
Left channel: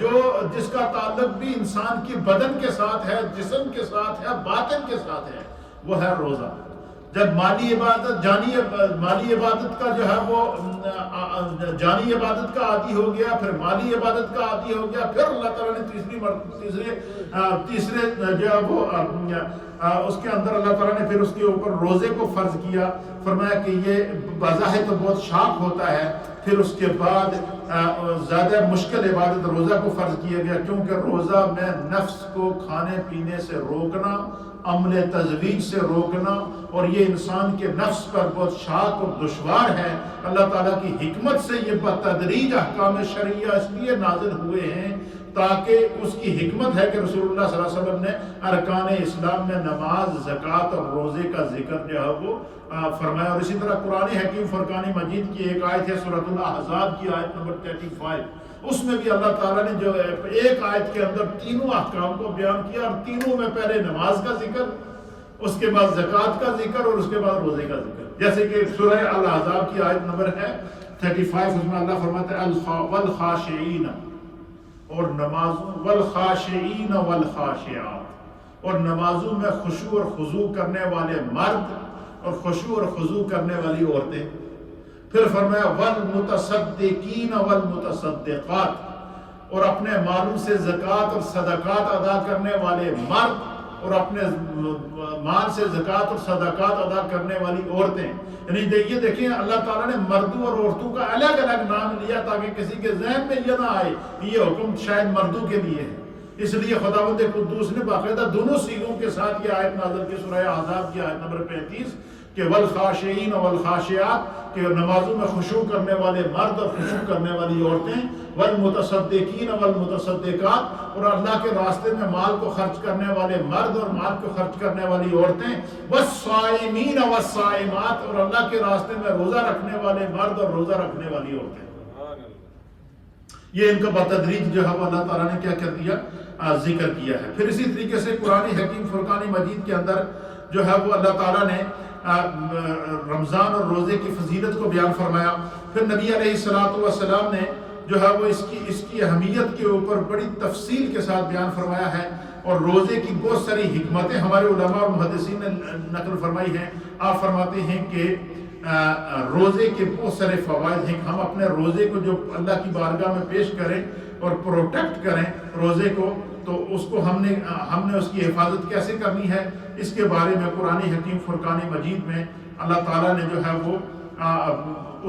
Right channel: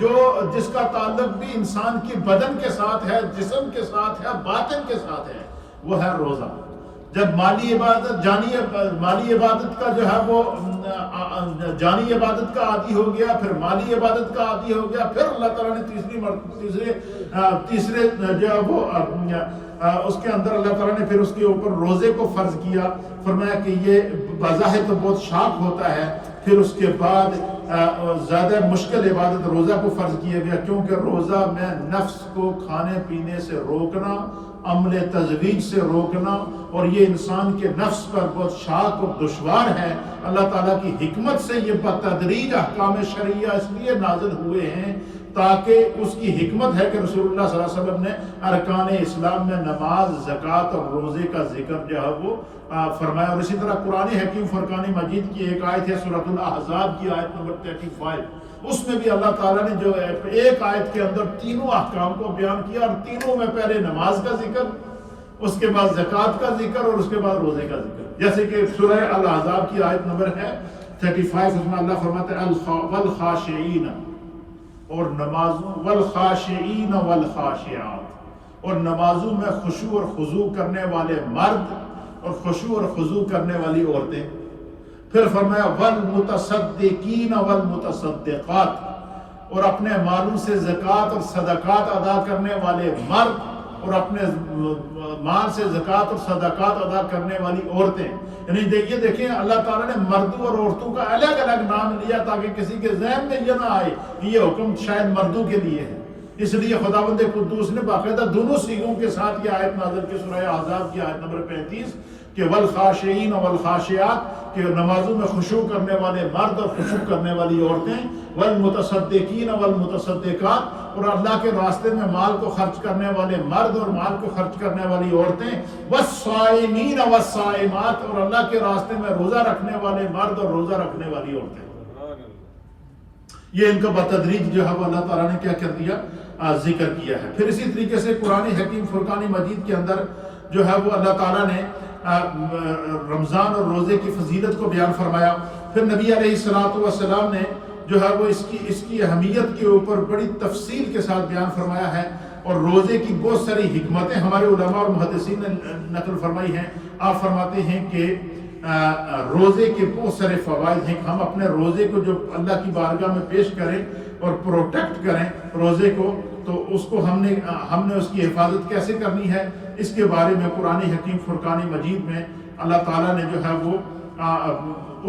جو جس کا تعلق بھی انسان کی بدن کے ساتھ ہے، جسم کے ساتھ ہے، باطن کے ساتھ ہے، وہ ہے روزہ. جب مالی عبادت کا جو ہے وہ جانی عبادت کا عادی ہو گیا، پھر مالی عبادت کا عادی ہو گیا، پھر اللہ تعالیٰ نے تیسرے جو ہے وہ اس کے اندر اللہ تعالیٰ نے پھر اس کے اوپر روزے کو فرض کیا. فرمایا کہ یہ بظاہر تو بہت شاق ہوتا ہے. پھر اس کے بعد زیادہ مشکل عبادت روزہ کو فرض کیا گیا، کیونکہ روزہ میں نفس کو کھانے پینے سے روکنا، عمل تزویج سے روکنا، اور یہ انسان کے نفس پر بہت شاق اور دشوار ہے. اللہ تعالیٰ کی حکمت سے یہ بتدریج احکام شرعیہ اس لیے نازل ہوئے ہیں تاکہ اس کی حکمت ہے کہ رسول اللہ صلی اللہ علیہ وسلم نے ارکان اسلام میں نماز، زکوٰۃ اور روزے کا ذکر جو ہے وہ فرمایا. اور اسی طرح قرآن حکیم فرقان مجید کی ایک آیت ہے سورۃ الاحزاب کی آیت نمبر 35، اس میں بھی اللہ تعالیٰ نے جو ایک آیت کے اندر تینوں احکام کو بیان کیا، اور تینوں میں پہلے نماز کا ذکر، اس کے بعد زکوٰۃ کا ذکر اور اس کے بعد روزے کا ذکر. جیسے کہ سورہ الاحزاب کی آیت نمبر ہے 35، اس میں اللہ فرماتا ہے والخاشعین، اور نمازوں، والخاشعین والخاشعات، اور نمازوں میں خشوع اور خضوع کرنے والے مرد اور خشوع اور خضوع کرنے والی عورتیں. پھر فرمایا والمتصدقین والمتصدقات، اور اپنے مالوں سے زکوٰۃ اور صدقات ادا کرنے والے مرد اور اپنے مال سے زکوٰۃ اور صدقات ادا کرنے والی عورتیں. یعنی یہ دیکھیں اللہ تعالیٰ نے مردوں اور عورتوں کا الگ الگ نام لیا تاکہ کسی کے ذہن میں یہ نہ آئے کہ یہ حکم شاید مردوں کے لیے ہے. اس لیے خداوند قدوس نے باقاعدہ دونوں صیغوں کے ساتھ یہ آیت نازل کی سورہ احزاب کی آیت نمبر 35 کہ والخاشعین والخاشعات، کہ نمازوں میں خشوع کرنے والے مرد اور خشوع کرنے والی عورتیں، والمتصدقین والمتصدقات، اور اللہ کے راستے میں مال کو خرچ کرنے والے مرد اور مال کو خرچ کرنے والی عورتیں، والصائمین والصائمات، اور اللہ کے راستے میں روزہ رکھنے والے مرد اور روزہ رکھنے والی عورتیں. یہ ان کا بتدریج جو ہے وہ اللہ تعالیٰ نے کیا کر دیا، ذکر کیا ہے۔ پھر اسی طریقے سے قرآن حکیم فرقان مجید کے اندر جو ہے وہ اللہ تعالیٰ نے رمضان اور روزے کی فضیلت کو بیان فرمایا۔ پھر نبی علیہ الصلوۃ والسلام نے جو ہے وہ اس کی اہمیت کے اوپر بڑی تفصیل کے ساتھ بیان فرمایا ہے، اور روزے کی بہت ساری حکمتیں ہمارے علماء اور محدثین نے نقل فرمائی ہیں۔ آپ فرماتے ہیں کہ روزے کے بہت سارے فوائد ہیں، ہم اپنے روزے کو جو اللہ کی بارگاہ میں پیش کریں اور پروٹیکٹ کریں روزے کو، تو اس کو ہم نے اس کی حفاظت کیسے کرنی ہے، اس کے بارے میں قرآن حکیم فرقان مجید میں اللہ تعالیٰ نے جو ہے وہ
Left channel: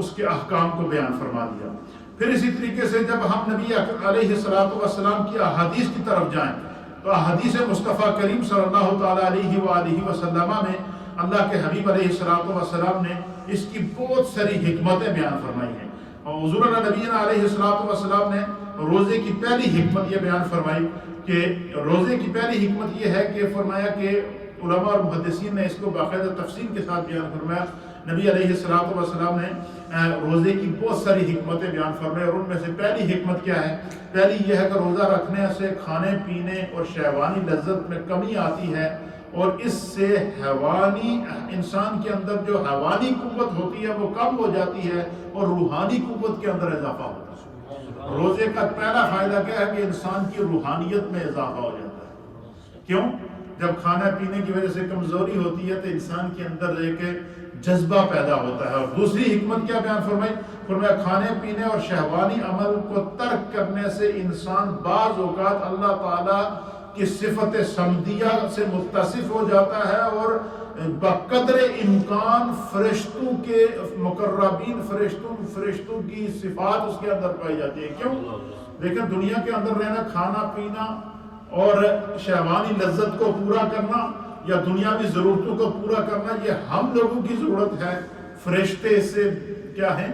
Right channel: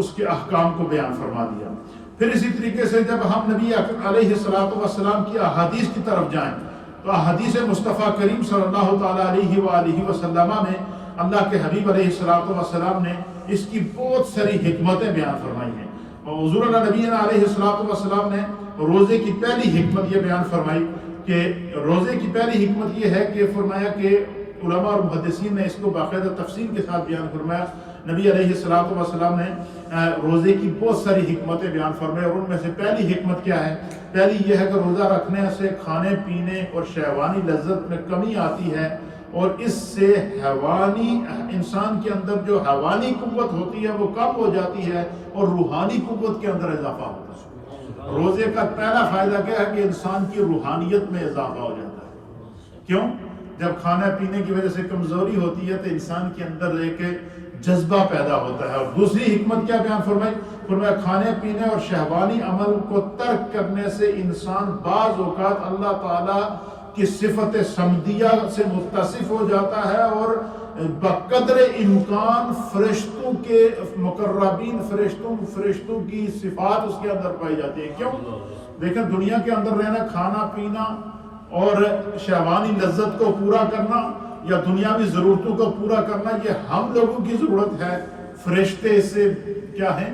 اس کے احکام کو بیان فرما دیا۔ پھر اسی طریقے سے جب ہم نبی علیہ الصلوۃ والسلام کی احادیث کی طرف جائیں تو احادیث مصطفیٰ کریم صلی اللہ تعالیٰ علیہ وآلہ وسلم میں اللہ کے حبیب علیہ الصلوۃ والسلام نے اس کی بہت ساری حکمتیں بیان فرمائی ہیں، اور حضور نبینا علیہ الصلوۃ والسلام نے روزے کی پہلی حکمت یہ بیان فرمائی کہ روزے کی پہلی حکمت یہ ہے کہ فرمایا کہ علماء اور محدثین نے اس کو باقاعدہ تفصیل کے ساتھ بیان فرمایا۔ نبی علیہ الصلوۃ والسلام نے روزے کی بہت ساری حکمتیں بیان فرمائی، اور ان میں سے پہلی حکمت کیا ہے؟ پہلی یہ ہے کہ روزہ رکھنے سے کھانے پینے اور شہوانی لذت میں کمی آتی ہے، اور اس سے حیوانی انسان کے اندر جو حیوانی قوت ہوتی ہے وہ کم ہو جاتی ہے، اور روحانی قوت کے اندر اضافہ ہوتا ہے۔ روزے کا پہلا فائدہ کیا ہے کہ انسان کی روحانیت میں اضافہ ہو جاتا ہے۔ کیوں؟ جب کھانا پینے کی وجہ سے کمزوری ہوتی ہے تو انسان کے اندر ایک جذبہ پیدا ہوتا ہے۔ اور دوسری حکمت کیا بیان فرمائی؟ فرمایا کھانے پینے اور شہوانی عمل کو ترک کرنے سے انسان بعض اوقات اللہ تعالیٰ کی صفت سمدیہ سے متصف ہو جاتا ہے، اور بقدر امکان فرشتوں کے مقربین فرشتوں کی صفات اس کے اندر پائی جاتی ہے۔ کیوں؟ دیکھیں دنیا کے اندر رہنا، کھانا پینا اور شہوانی لذت کو پورا کرنا یا دنیاوی ضرورتوں کو پورا کرنا یہ ہم لوگوں کی ضرورت ہے، فرشتے سے کیا ہے؟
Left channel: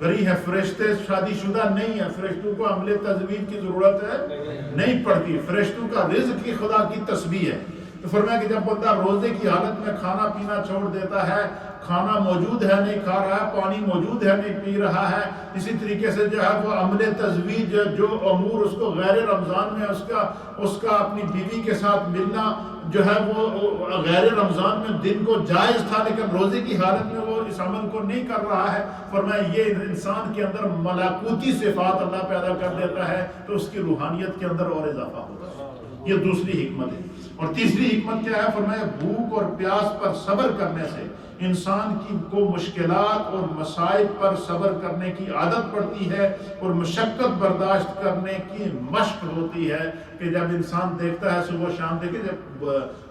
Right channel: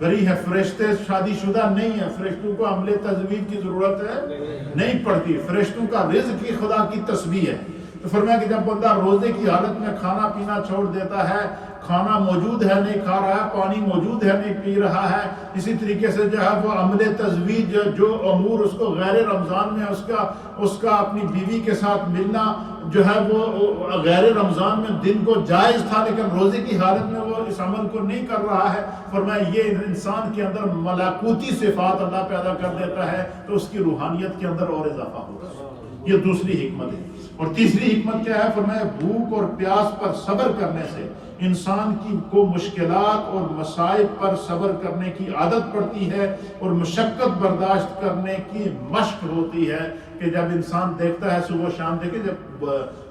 بری ہے۔ فرشتے شادی شدہ نہیں ہے، فرشتوں کو عمل تزویج کی ضرورت ہے نہیں پڑتی، فرشتوں کا رزق کی خدا کی تسبیح ہے۔ تو فرمایا کہ جب بندہ روزے کی حالت میں کھانا پینا چھوڑ دیتا ہے، کھانا موجود ہے نہیں کھا رہا ہے، پانی موجود ہے نہیں پی رہا ہے، اسی طریقے سے جو ہے وہ عمل تزویج جو امور اس کو غیر رمضان میں اس کا اپنی بیوی کے ساتھ ملنا جو ہے وہ غیر رمضان میں دن کو جائز تھا، لیکن روزے کی حالت میں وہ اس عمل کو نہیں کر رہا ہے۔ فرمایا یہ انسان کے اندر ملکوتی صفات اللہ پیدا کر دیتا ہے، تو اس کی روحانیت کے اندر اور اضافہ ہوتا ہے۔ یہ دوسری حکمت ہے۔ اور تیسری حکمت کیا ہے؟ فرمایا بھوک اور پیاس پر صبر کرنے سے انسان کو مشکلات اور مصائب پر صبر کرنے کی عادت پڑتی ہے، اور مشقت برداشت کرنے کی مشق ہوتی ہے کہ جب انسان دیکھتا ہے صبح شام، دیکھیں جب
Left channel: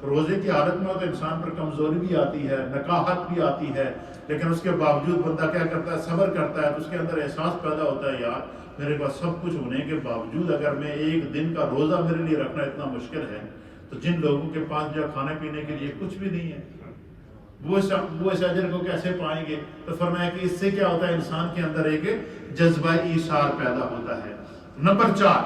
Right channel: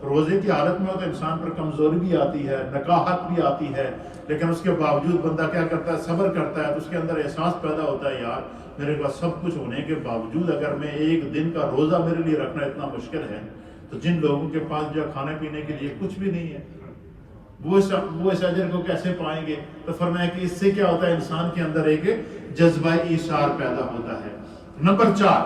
روزے کی حالت میں ہو تو انسان پر کمزوری بھی آتی ہے، نکاہت بھی آتی ہے، لیکن اس کے باوجود بندہ کیا کرتا ہے؟ صبر کرتا ہے، تو اس کے اندر احساس پیدا ہوتا ہے یار میرے پاس سب کچھ ہونے کے باوجود اگر میں ایک دن کا روزہ میرے لیے رکھنا اتنا مشکل ہے، تو جن لوگوں کے پاس جو کھانے پینے کے لیے کچھ بھی نہیں ہے وہ اس اجر کو کیسے پائیں گے؟ تو فرمایا کہ اس سے کیا ہوتا ہے؟ انسان کے اندر ایک جذبہ ایثار پیدا ہوتا ہے۔ نمبر 4،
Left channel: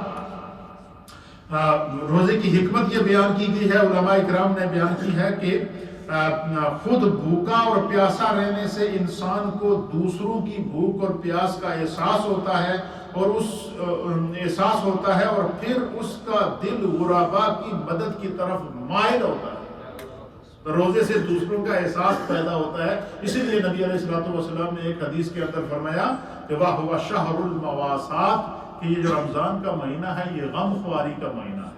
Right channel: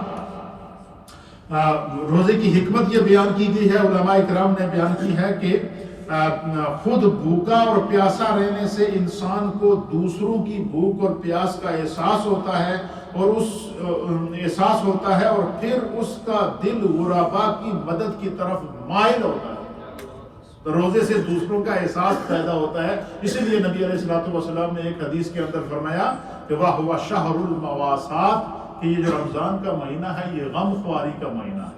روزے کی حکمت یہ بیان کی گئی ہے، علماء اکرام نے بیان کی ہے کہ خود بھوکا اور پیاسا رہنے سے انسان کو دوسروں کی بھوک اور پیاس کا احساس ہوتا ہے، اور پھر اس کا دل غربا کی مدد کی طرف مائل ہوتا ہے۔ تو روزے سے دوسروں کا احساس پیدا ہوتا ہے۔ اسی لیے نبی علیہ الصلوۃ والسلام نے ایک حدیث کے اندر فرمایا کہ واہ شہر المواسات، کہ یہ جو رمضان کا مہینہ ہے یہ غم خواری کا مہینہ ہے،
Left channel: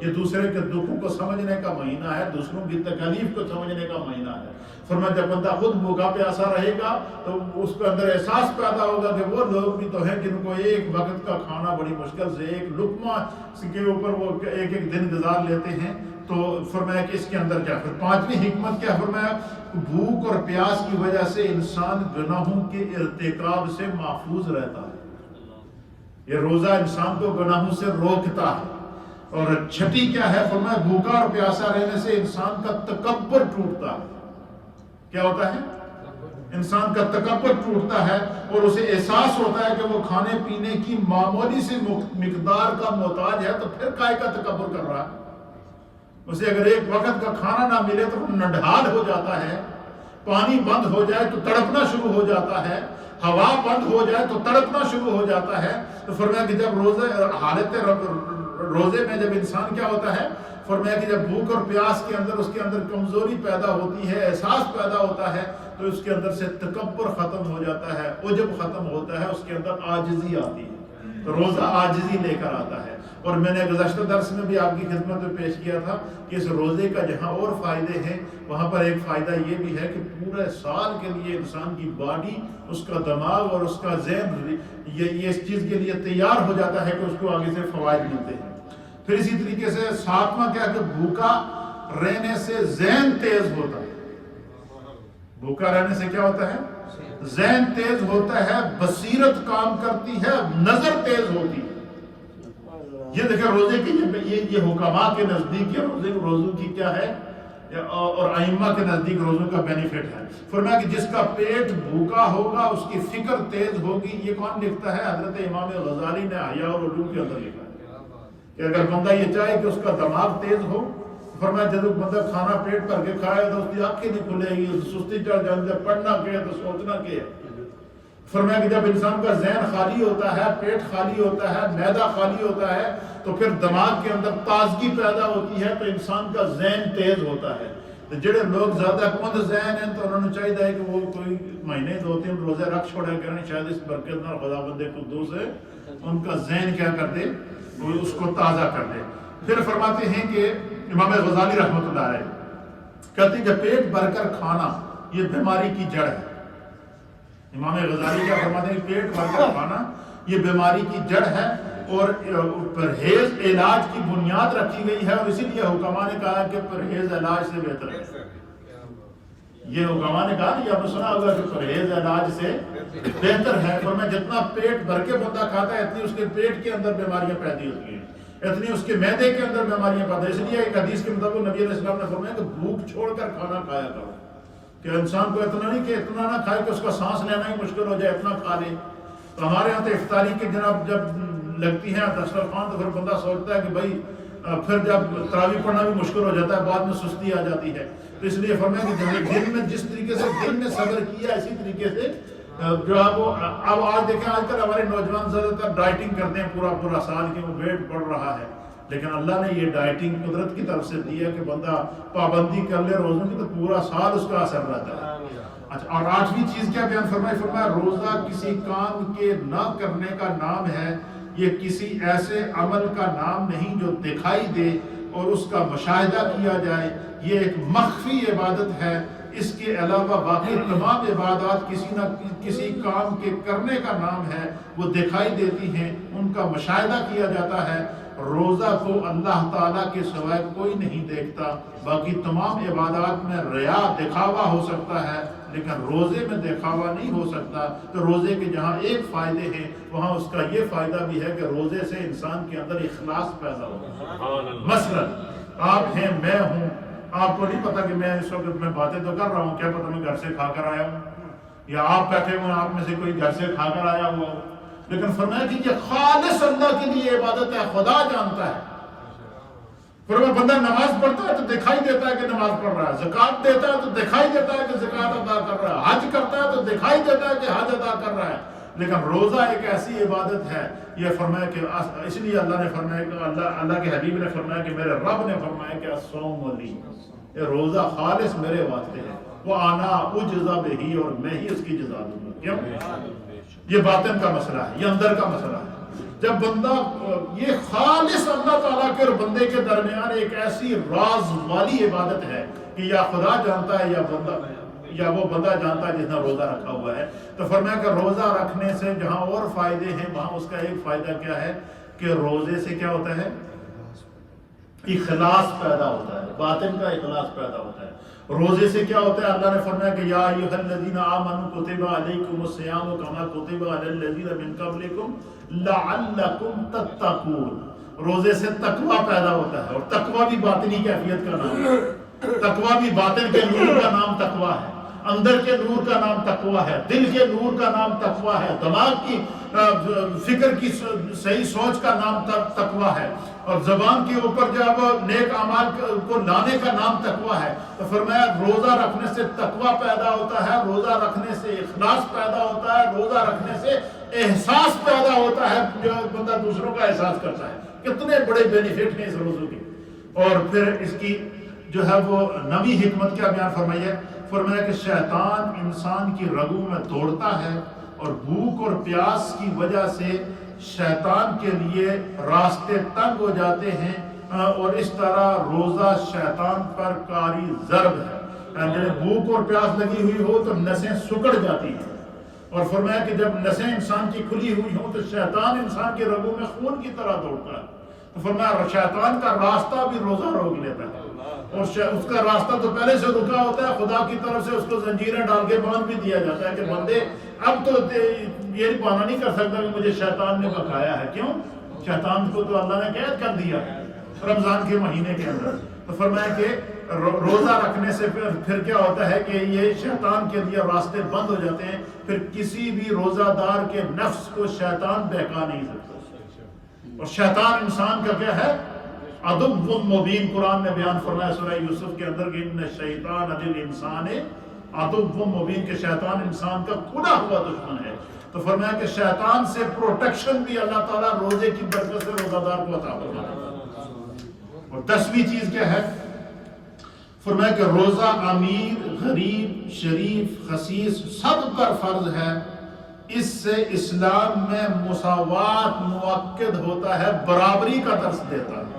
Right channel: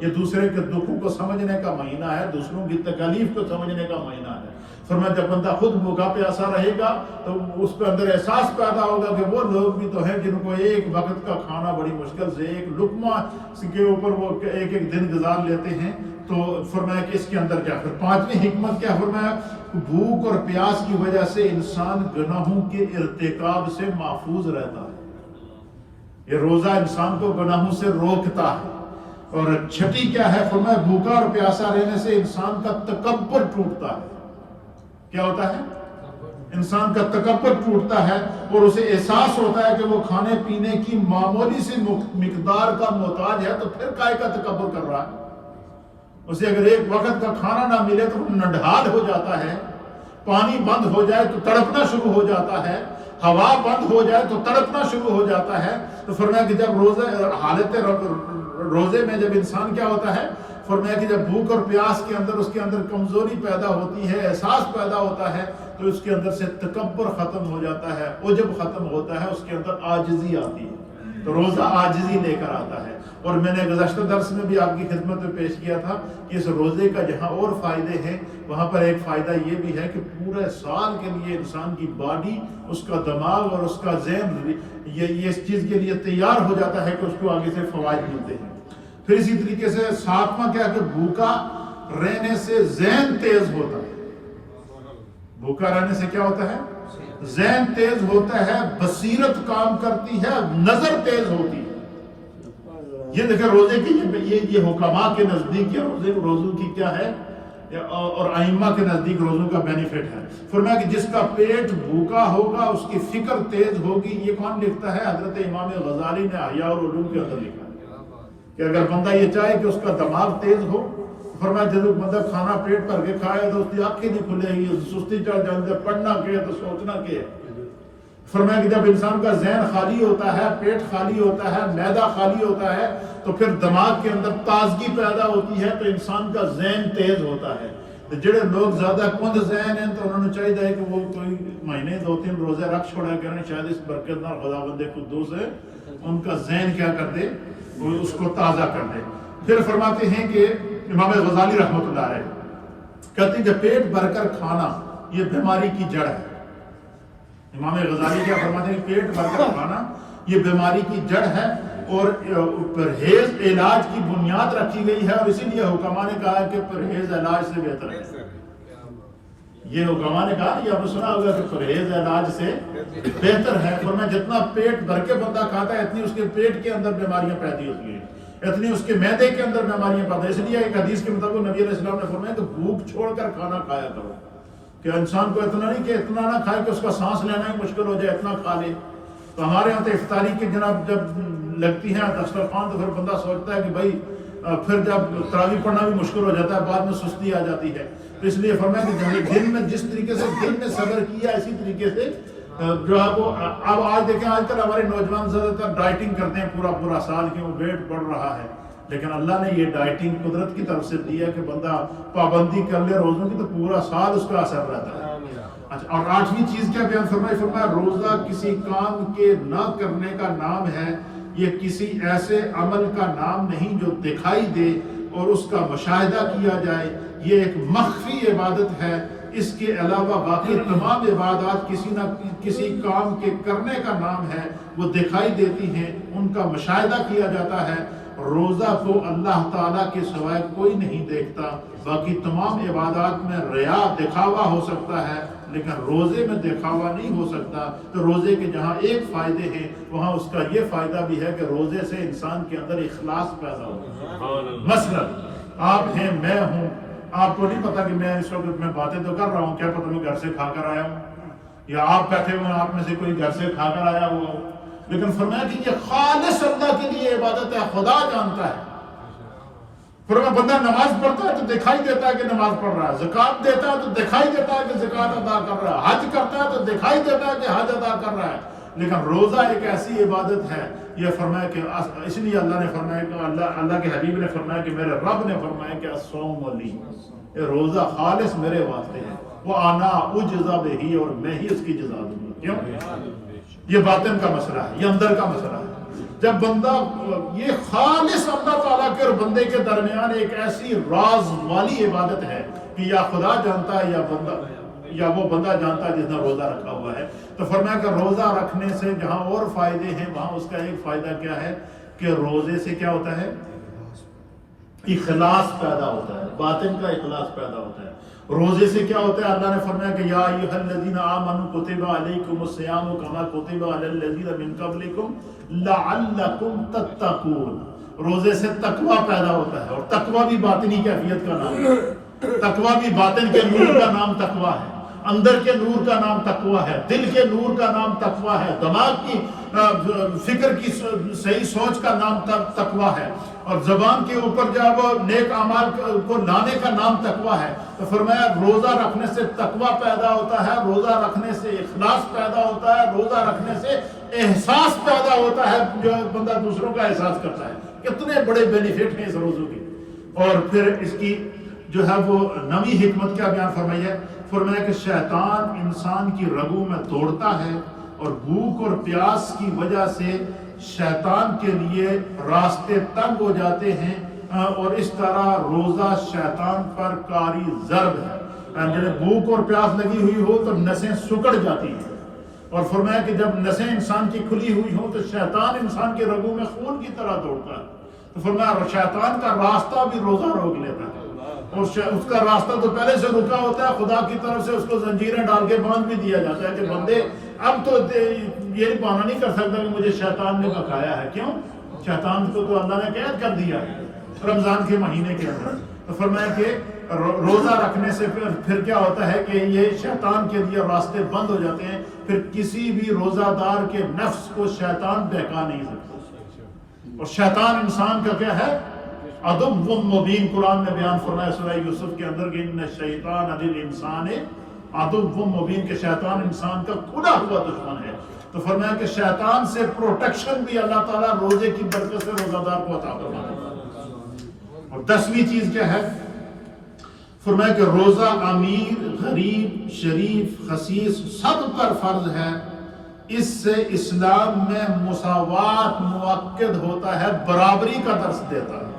یہ دوسرے کے دکھوں کو سمجھنے کا مہینہ ہے، دوسروں کی تکالیف کو سمجھنے کا مہینہ ہے۔ فرمایا جب بندہ خود بھوکا پیاسا رہے گا تو اس کے اندر احساس پیدا ہوگا کہ وہ لوگ بھی تو ہیں جن کو ایک وقت کا کھانا بڑی مشکل سے ایک لقمہ کے اوپر وہ ایک دن گزار لیتے ہیں۔ تو فرمایا کہ اس کے اندر جا کر 5ویں حکمت کیا فرمایا؟ بھوک اور پیاس کی وجہ سے انسان گناہوں کے ارتکاب سے محفوظ رہتا ہے۔ یہ روزہ انسان کو گناہوں سے روکتا ہے۔ اور 6 کیا ہے؟ فرمایا بھوکا اور پیاسا رہنے سے انسان کا تکبر ٹوٹتا ہے۔ کیا ہوتا ہے؟ انسان کا تکبر ٹوٹتا ہے، اور اسے احساس ہوتا ہے کہ وہ کھانے پینے کی معمولی سی مقدار کا محتاج ہے، تو پھر کائے کا تکبر کر رہا ہے؟ اسے اگر ایک وقت کا کھانا نہ ملے تو وہ نڈھال ہو جاتا ہے، پانی بند ہو جائے تو تڑپنا شروع ہو جاتا ہے، ہوا بند ہو جائے تو تڑپنا شروع ہو جاتا ہے۔ تو فرمایا کہ جب حالت روزے میں جب انسان کیا ہوتا ہے، فرمایا کہ جب بھوک اور پیاس کے اندر کمزوری پیدا ہوتی ہے، احساس پیدا ہوتا ہے، تو اس کے اندر سے تکبر ختم ہو جاتا ہے، عجب ختم ہوتا ہے، اس کے اندر عاجزی آتی ہے۔ تو روزہ عاجزی لے کر آتا ہے۔ اور میں نے گزشتہ درس میں بھی آپ کی خدمت میں پیش کیا تھا کہ اس روزے کا جہاں اور فائدے ہیں، وہاں پر ایک فائدہ یہ بھی ہے کہ پورے سال کے لیے انسان کی باڈی، اس کا دماغ اور اس کا ذہن یہ اس چیز کے لیے تیار ہو جاتا ہے کہ اس کو آگے سے فوائد ملتے ہیں۔ پھر اسی طریقے سے ساتواں کیا کہ بھوکا رہنے سے ذہن تیز ہوتا ہے۔ بھوکا رہنے سے کیا ہوتا ہے؟ ذہن تیز ہوتا ہے، بصیرت کام کرتی ہے، نظر تیز ہوتی ہے۔ یہ دیکھیں روزے کی یہ حکماء کے نزدیک یا روزوں کی کیا ہے، اور ائمہ کے نزدیک روزوں کا بینیفٹ ہے۔ فرمایا کہ جس کا پیٹ بھوکا ہوگا اس کی فکر تیز ہوگی۔ یہ کون لکھتا ہے؟ حضرت امام غزالی نے احیاء العلوم کے اندر لکھا ہے کہ اگر بندہ یہ چاہے کہ اس کا دماغ تیز ہو، فرمایا جب بندہ کھانا پیٹ بھر کے کھائے تو اس کی آنکھیں نہیں کھلے گی، سستی چڑھ جائے، جب پڑھنا کیا تو سوچنا کیا۔ فرمایا کہ جب انسان کا ذہن خالی ہوتا ہے، پیٹ خالی ہوتا ہے، معدہ خالی ہوتا ہے، تو پھر دماغ کے اندر تازگی پیدا ہوتی ہے، تو انسان کا ذہن تیز ہوتا ہے۔ تو جڑے لوگ زیادہ کند ذہن ہیں تو انہوں نے چاہیے کہ وہ کوئی مہینے 2-3 روزے رکھ چھوڑا کریں، شاید اس برکت نال خداوند قدوس ہے ان کا ذہن کیا کر دے، وہ اس کو تازہ کر دے۔ پھر فرماتے ہیں کہ امام غزالی رحمۃ اللہ علیہ کہتے ہیں کہ پیٹ بھر کر کھانا یہ بیماری کی جڑ ہے۔ امام غزالی کیا فرماتے ہیں؟ پیٹ بھر کر کھانا یہ بیماری کی جڑ ہے، اور پرہیز علاج کی بنیاد رکھی گئی ہے، اور اسی لیے حکماء نے کہا کہ پرہیز علاج سے بہتر ہے۔ یہ حکماء نے کہا کہ آپ نے سنا ہوگا کہ پرہیز علاج سے بہتر ہے۔ فرمایا جتنا پیٹ بھر کے بندہ کھاتا ہے اتنی اس کے پیٹ کے اندر بیماریاں پیدا ہوتی ہیں، اتنی اس کے معدے کے اندر بیماریاں پیدا۔ اس لیے ایک حدیث کے مطابق نبی علیہ السلام نے فرمایا کہ بھوک چھوڑ کر کھانا کھایا کرو، کہ انسان کو اتنا نہیں کہ اتنا نہ کھائے کہ اس کا سانس لینا ہی مشکل ہو جائے، اتنا کھا لے۔ تو ہمارے یہاں تو افطاری کی جناب جب لگتی ہے دسترخوان تو پھر بندہ سوچتا ہے کہ بھائی پھر جب تراویح پڑھنا بھی مشکل ہو جاتا ہے، بعد میں سستی آ جاتی ہے۔ تو اس لیے فرمایا کہ دن میں جس طریقے سے دن میں صبر کیا، اسی طریقے سے جو ہے وہ اب آج دیکھیں آج کل ہمارے نوجوان زیادہ تر ڈائٹنگ کرتے ہیں پورا سال کے، وہ ویٹ بڑھ رہا ہے، لیکن اللہ نے یہ ڈائٹنگ قدرت کی طرف سے دی ہے کہ بندہ پابندی کر لے روزوں کی تو پورا سال اس کا اثر رہتا ہے۔ اچھا، اور 8ویں چیز کیا بیان فرمایا روزہ کسی کام کے نہ کرنے کا نام ہے، یہ کسی ایسے عمل کا نام نہیں جو دکھائی دے اور اس کا مشاہدہ کیا جائے، یہ ایک مخفی عبادت ہے۔ اس کے علاوہ باقی تمام عبادات کسی نہ کسی کام کے کرنے کا نام ہے، وہ دکھائی دیتی ہیں، ان کا مشاہدہ کیا جاتا ہے۔ روزہ کو اللہ تعالیٰ کے سوائے کوئی نہیں دیکھتا، باقی تمام عبادات میں ریا دکھاوا ہو سکتا ہے، لیکن روزے میں دکھاوا نہیں ہو سکتا۔ تو روزے کے جہاں ایک فائدے ہیں وہاں اس کا یہ فائدہ بھی ہے کہ روزے سے انسان کے اندر اخلاص پیدا ہوتا ہے۔ مثلا آپ ہیں، میں ہوں، آپ کو نہیں پتا کہ میں اس وقت میں باتیں تو کر رہا ہوں، کیا پتا میں گھر سے کھا کر آیا ہوں، یا آپ بیٹھے ہوئے آپ میں سے کوئی گھر سے کھا کر آیا ہوا ہو، لیکن فرمایا کہ یہ خالص اللہ کے لیے عبادت ہے، خدا جانتا ہے۔ فرمایا بندہ نماز پڑھتا ہے تو دکھائی دیتا ہے کہ نماز پڑھ رہا ہے، زکوٰۃ دیتا ہے تو دکھائی دیتا ہے کہ زکوٰۃ ادا کر رہا ہے، حج کرتا ہے تو دکھائی دیتا ہے کہ حج ادا کر رہا ہے، لیکن روزہ ایک ایسی عبادت ہے، یہ فرمایا کہ اس لیے اللہ نے فرمایا کہ اللہ کے حبیب نے فرمایا کہ میرے رب نے فرمایا کہ الصوم لی، یہ روزہ خالص میرے واسطے ہے، وہ آنا اجزا بہی، اور میں ہی اس کی جزا دوں گا۔ کیوں؟ یہ باطن کا مسئلہ ہے، یہ اندر کا مسئلہ ہے۔ جب بندہ یہ خالص اللہ تعالیٰ کے اور بندے کے درمیان ایک ایسی راز والی عبادت ہے کہ یا خدا جانتا ہے یا وہ بندہ جانتا ہے جس نے روزہ رکھا ہوا ہے، تو فرمایا کہ روزہ رکھنے سے جہاں اور فائدے ہیں وہاں اس کا ایک فائدہ کیا ہے کہ روزے سے کیا ہوتا ہے؟ اخلاص پیدا ہوتا ہے، باطن کا اخلاص پیدا ہوتا ہے۔ روزے سے کیا ہوتا ہے؟ اللہ نے فرمایا کہ یا ایھا الذین آمنوا کتب علیکم الصیام کما کتب علی الذین من قبلکم لعلکم تتقون۔ روزے سے تقوی پیدا ہوتا ہے، اور تقوی بھی باطنی کیفیت کا نام ہے، تقوی بھی باطن کے نور کا نام تقوی ہے، اندر کے نور کا نام تقوی ہے، دل کے نور کا نام تقوی ہے، دماغ کی فکر کی صحیح سوچ کا نام تقویٰ ہے، اور زبان کے اوپر جب نیک اعمال کو لانے کا نام تقویٰ ہے، تو فرمایا روزہ رکھنے سے تقویٰ پیدا ہوتا ہے، روزہ رکھنے سے اخلاص پیدا ہوتا ہے، روزہ رکھنے سے احساس پیدا ہوتا ہے، جو بندہ دوسروں کا احساس کرتا ہے۔ کتنے بڑے بینیفٹ ہیں اس روزوں کے۔ اور پھر اس کی جو ہے وہ نویں حکمت کیا بیان فرمائی ہے؟ فرمایا کہ شیطان انسان کی رگوں میں دوڑتا ہے، اور بھوک اور پیاس کی وجہ سے شیطان کے لیے راستے تنگ ہو جاتے ہیں، اور اس طرح روزہ شیطان پر کاری ضرب ہے۔ جب بھوک اور پیاس لگی ہوئی ہو تو نسیں سکڑ جاتی ہیں، اور فرمایا کہ جب نسیں انسان کی کھلی ہوئی ہوں تو شیطان انسان کے رگوں میں خون کی طرح دوڑتا ہے۔ تو فرمایا شیطان کا راستہ بھی روزہ روک لیتا ہے، اور اس کا راستہ تو پہلے سے رکا ہوتا ہے، خدا کی طرف سے اس کو زنجیریں ڈال کے باندھ بھی دیا جاتا ہے کہ بندے اب تو یہ بہانہ نہیں کر سکتا کہ مجھے شیطان نے بکایا ہے۔ کیوں؟ شیطان کو تو اللہ نے قید کر دیا رمضان کے مہینے کے اندر۔ تو فرمایا کہ روزہ رکھنے سے پھر کیا ہوتا ہے کہ یہ شیطان کے لیے راستے بند ہو جاتے ہیں، پھر کسی بھی روزہ دار کے نفس کو شیطان بہکا نہیں سکتا۔ اور شیطان انسان کا کیا ہے؟ عدو مبین۔ قرآن نے بیان فرمایا سورہ یوسف کے اندر کہ ان الشیطان للانسان عدو مبین، کہ شیطان انسان کا کھلا ہوا دشمن ہے۔ تو فرمایا کہ شیطان سے پروٹیکشن بھی اللہ تعالیٰ روزے کی برکت سے روزہ دار کو عطا فرما دیتا ہے۔ اور 10ویں چیز کیا ہے؟ فرمایا کہ روزہ امیر، غریب، شریف، خسیس سب پر فرض ہے۔ اس سے اسلام میں مساوات مؤکد ہوتا ہے، برابری کا درس دیتا ہے۔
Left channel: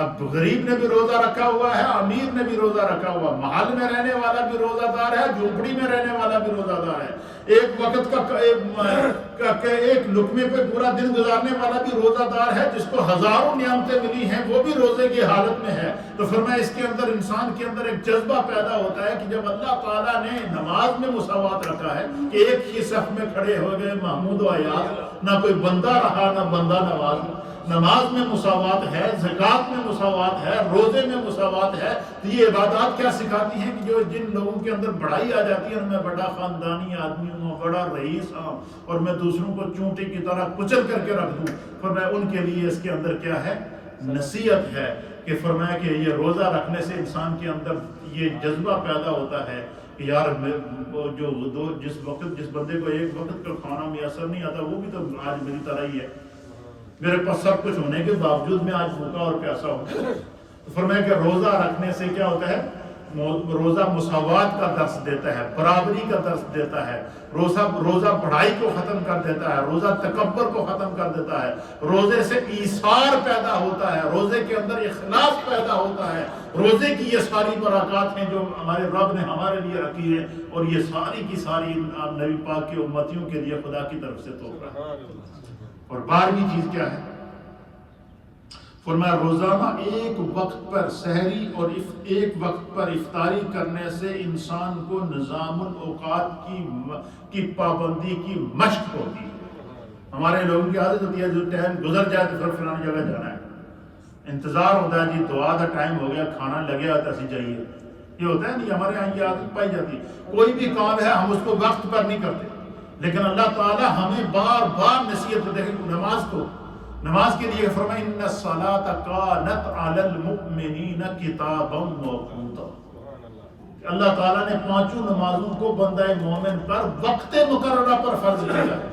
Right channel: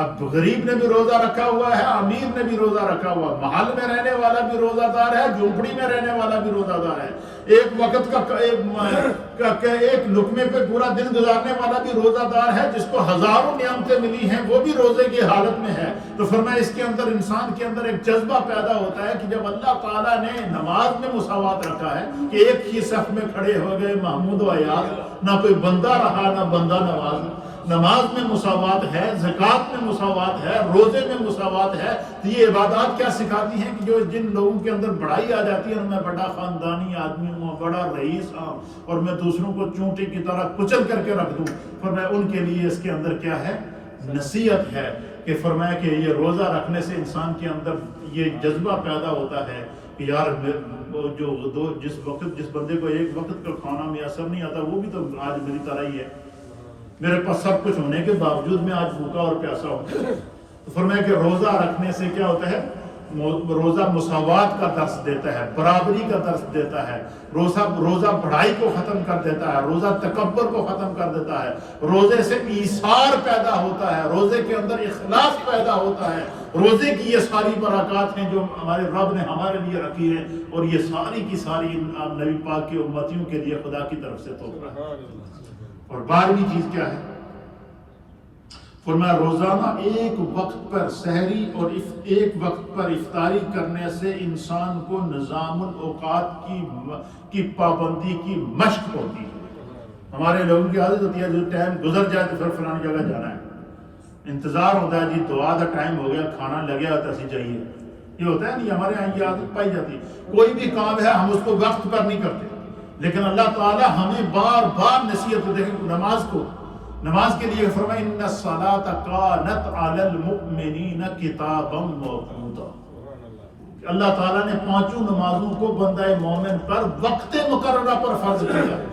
اب غریب نے بھی روزہ رکھا ہوا ہے، امیر نے بھی روزہ رکھا ہوا، محل میں رہنے والا بھی روزہ دار ہے، جھونپڑی میں رہنے والا بھی روزہ دار ہے، ایک وقت کا ایک لقمے پہ پورا دن گزارنے والا بھی روزہ دار ہے، جس کو ہزاروں نعمتیں ملی ہیں وہ بھی روزے کی حالت میں ہے۔ تو فرمایا اس کے اندر انسان کے اندر ایک جذبہ پیدا ہوتا ہے کہ جب اللہ تعالیٰ نے نماز میں مساوات رکھا ہے کہ ایک ہی صف میں کھڑے ہو گئے محمود و ایاز، نہ کوئی بندہ رہا نہ بندہ نواز، نماز میں مساوات ہے، زکوٰۃ میں مساوات ہے، روزے میں مساوات ہے۔ تو یہ عبادات کیا سکھاتی ہیں کہ جو جن لوگوں کے اندر بڑائی آ جاتی ہے، میں بڑا خاندانی آدمی ہوں، بڑا رئیس ہوں، اور میں دوسروں کو چونٹی کی طرح کچل کر کے رکھ دوں، فرمایا ان کے لیے اس کے اندر کیا ہے؟ نصیحت ہے کہ فرمایا کہ یہ روزہ رکھنے سے انسان کے اندر یہ جذبہ پیدا ہوتا ہے کہ یار جس بندے کو ایک وقت کا کھانا میسر نہیں آتا وہ بھی تو آج میری طرح ہی ہے، میرے پاس سب کچھ ہونے کے باوجود میں آج بھوکا اور پیاسا ہوں۔ تو فرمایا کہ روزہ رکھنے سے کیا ہوتا ہے؟ روزہ مساوات کا درس دیتا ہے، برابری کا درس دیتا ہے، روزہ بڑائی کو ختم کر دیتا ہے، روزہ تکبر کو ختم کر دیتا ہے، روزے سے ایثار پیدا ہوتا ہے، روزے کے اندر اخلاص پیدا ہوتا ہے۔ روزے کی یہ ساری برکات ہیں جو ہمارے رب نے ہمارے لیے رکھی ہے، اور یہ ساری کی ساری نبی پاک کے امتیوں کے لیے خدا کی طرف سے تحفہ ہے۔ اور 12ویں چیز کیا ہے؟ فرمایا روزانہ ایک وقت پر سحری اور ایک وقت پر افطاری کرنے سے انسان کو نظام الاوقات کی پابندی کی مشق ہوتی ہے۔ ہمارے لوگوں کی عادت ہوتی ہے جو ٹائم گزر جائے تو پھر فلانی جگہ جانا ہے، انتظار ہوتا ہے، جی دعا کا ٹائم ہو گیا، کھانا لگے ہوتا اسی چاہیے، یہ ہوتا ہے نہیں، ہمارے یہاں یہ عادت پائی جاتی ہے۔ کوئی بھی کام ہے ہم اس کو وقت پر نہیں کرتے، لیکن اللہ تعالیٰ ہمیں بار بار نصیحت دیکھیں نماز کے لیے فرمایا ان الصلاۃ کانت علی المؤمنین کتابا موقوتا، اللہ تعالیٰ نے 5 نمازوں کو بندہ مومن پر وقت مقررہ پر فرض کیا ہے۔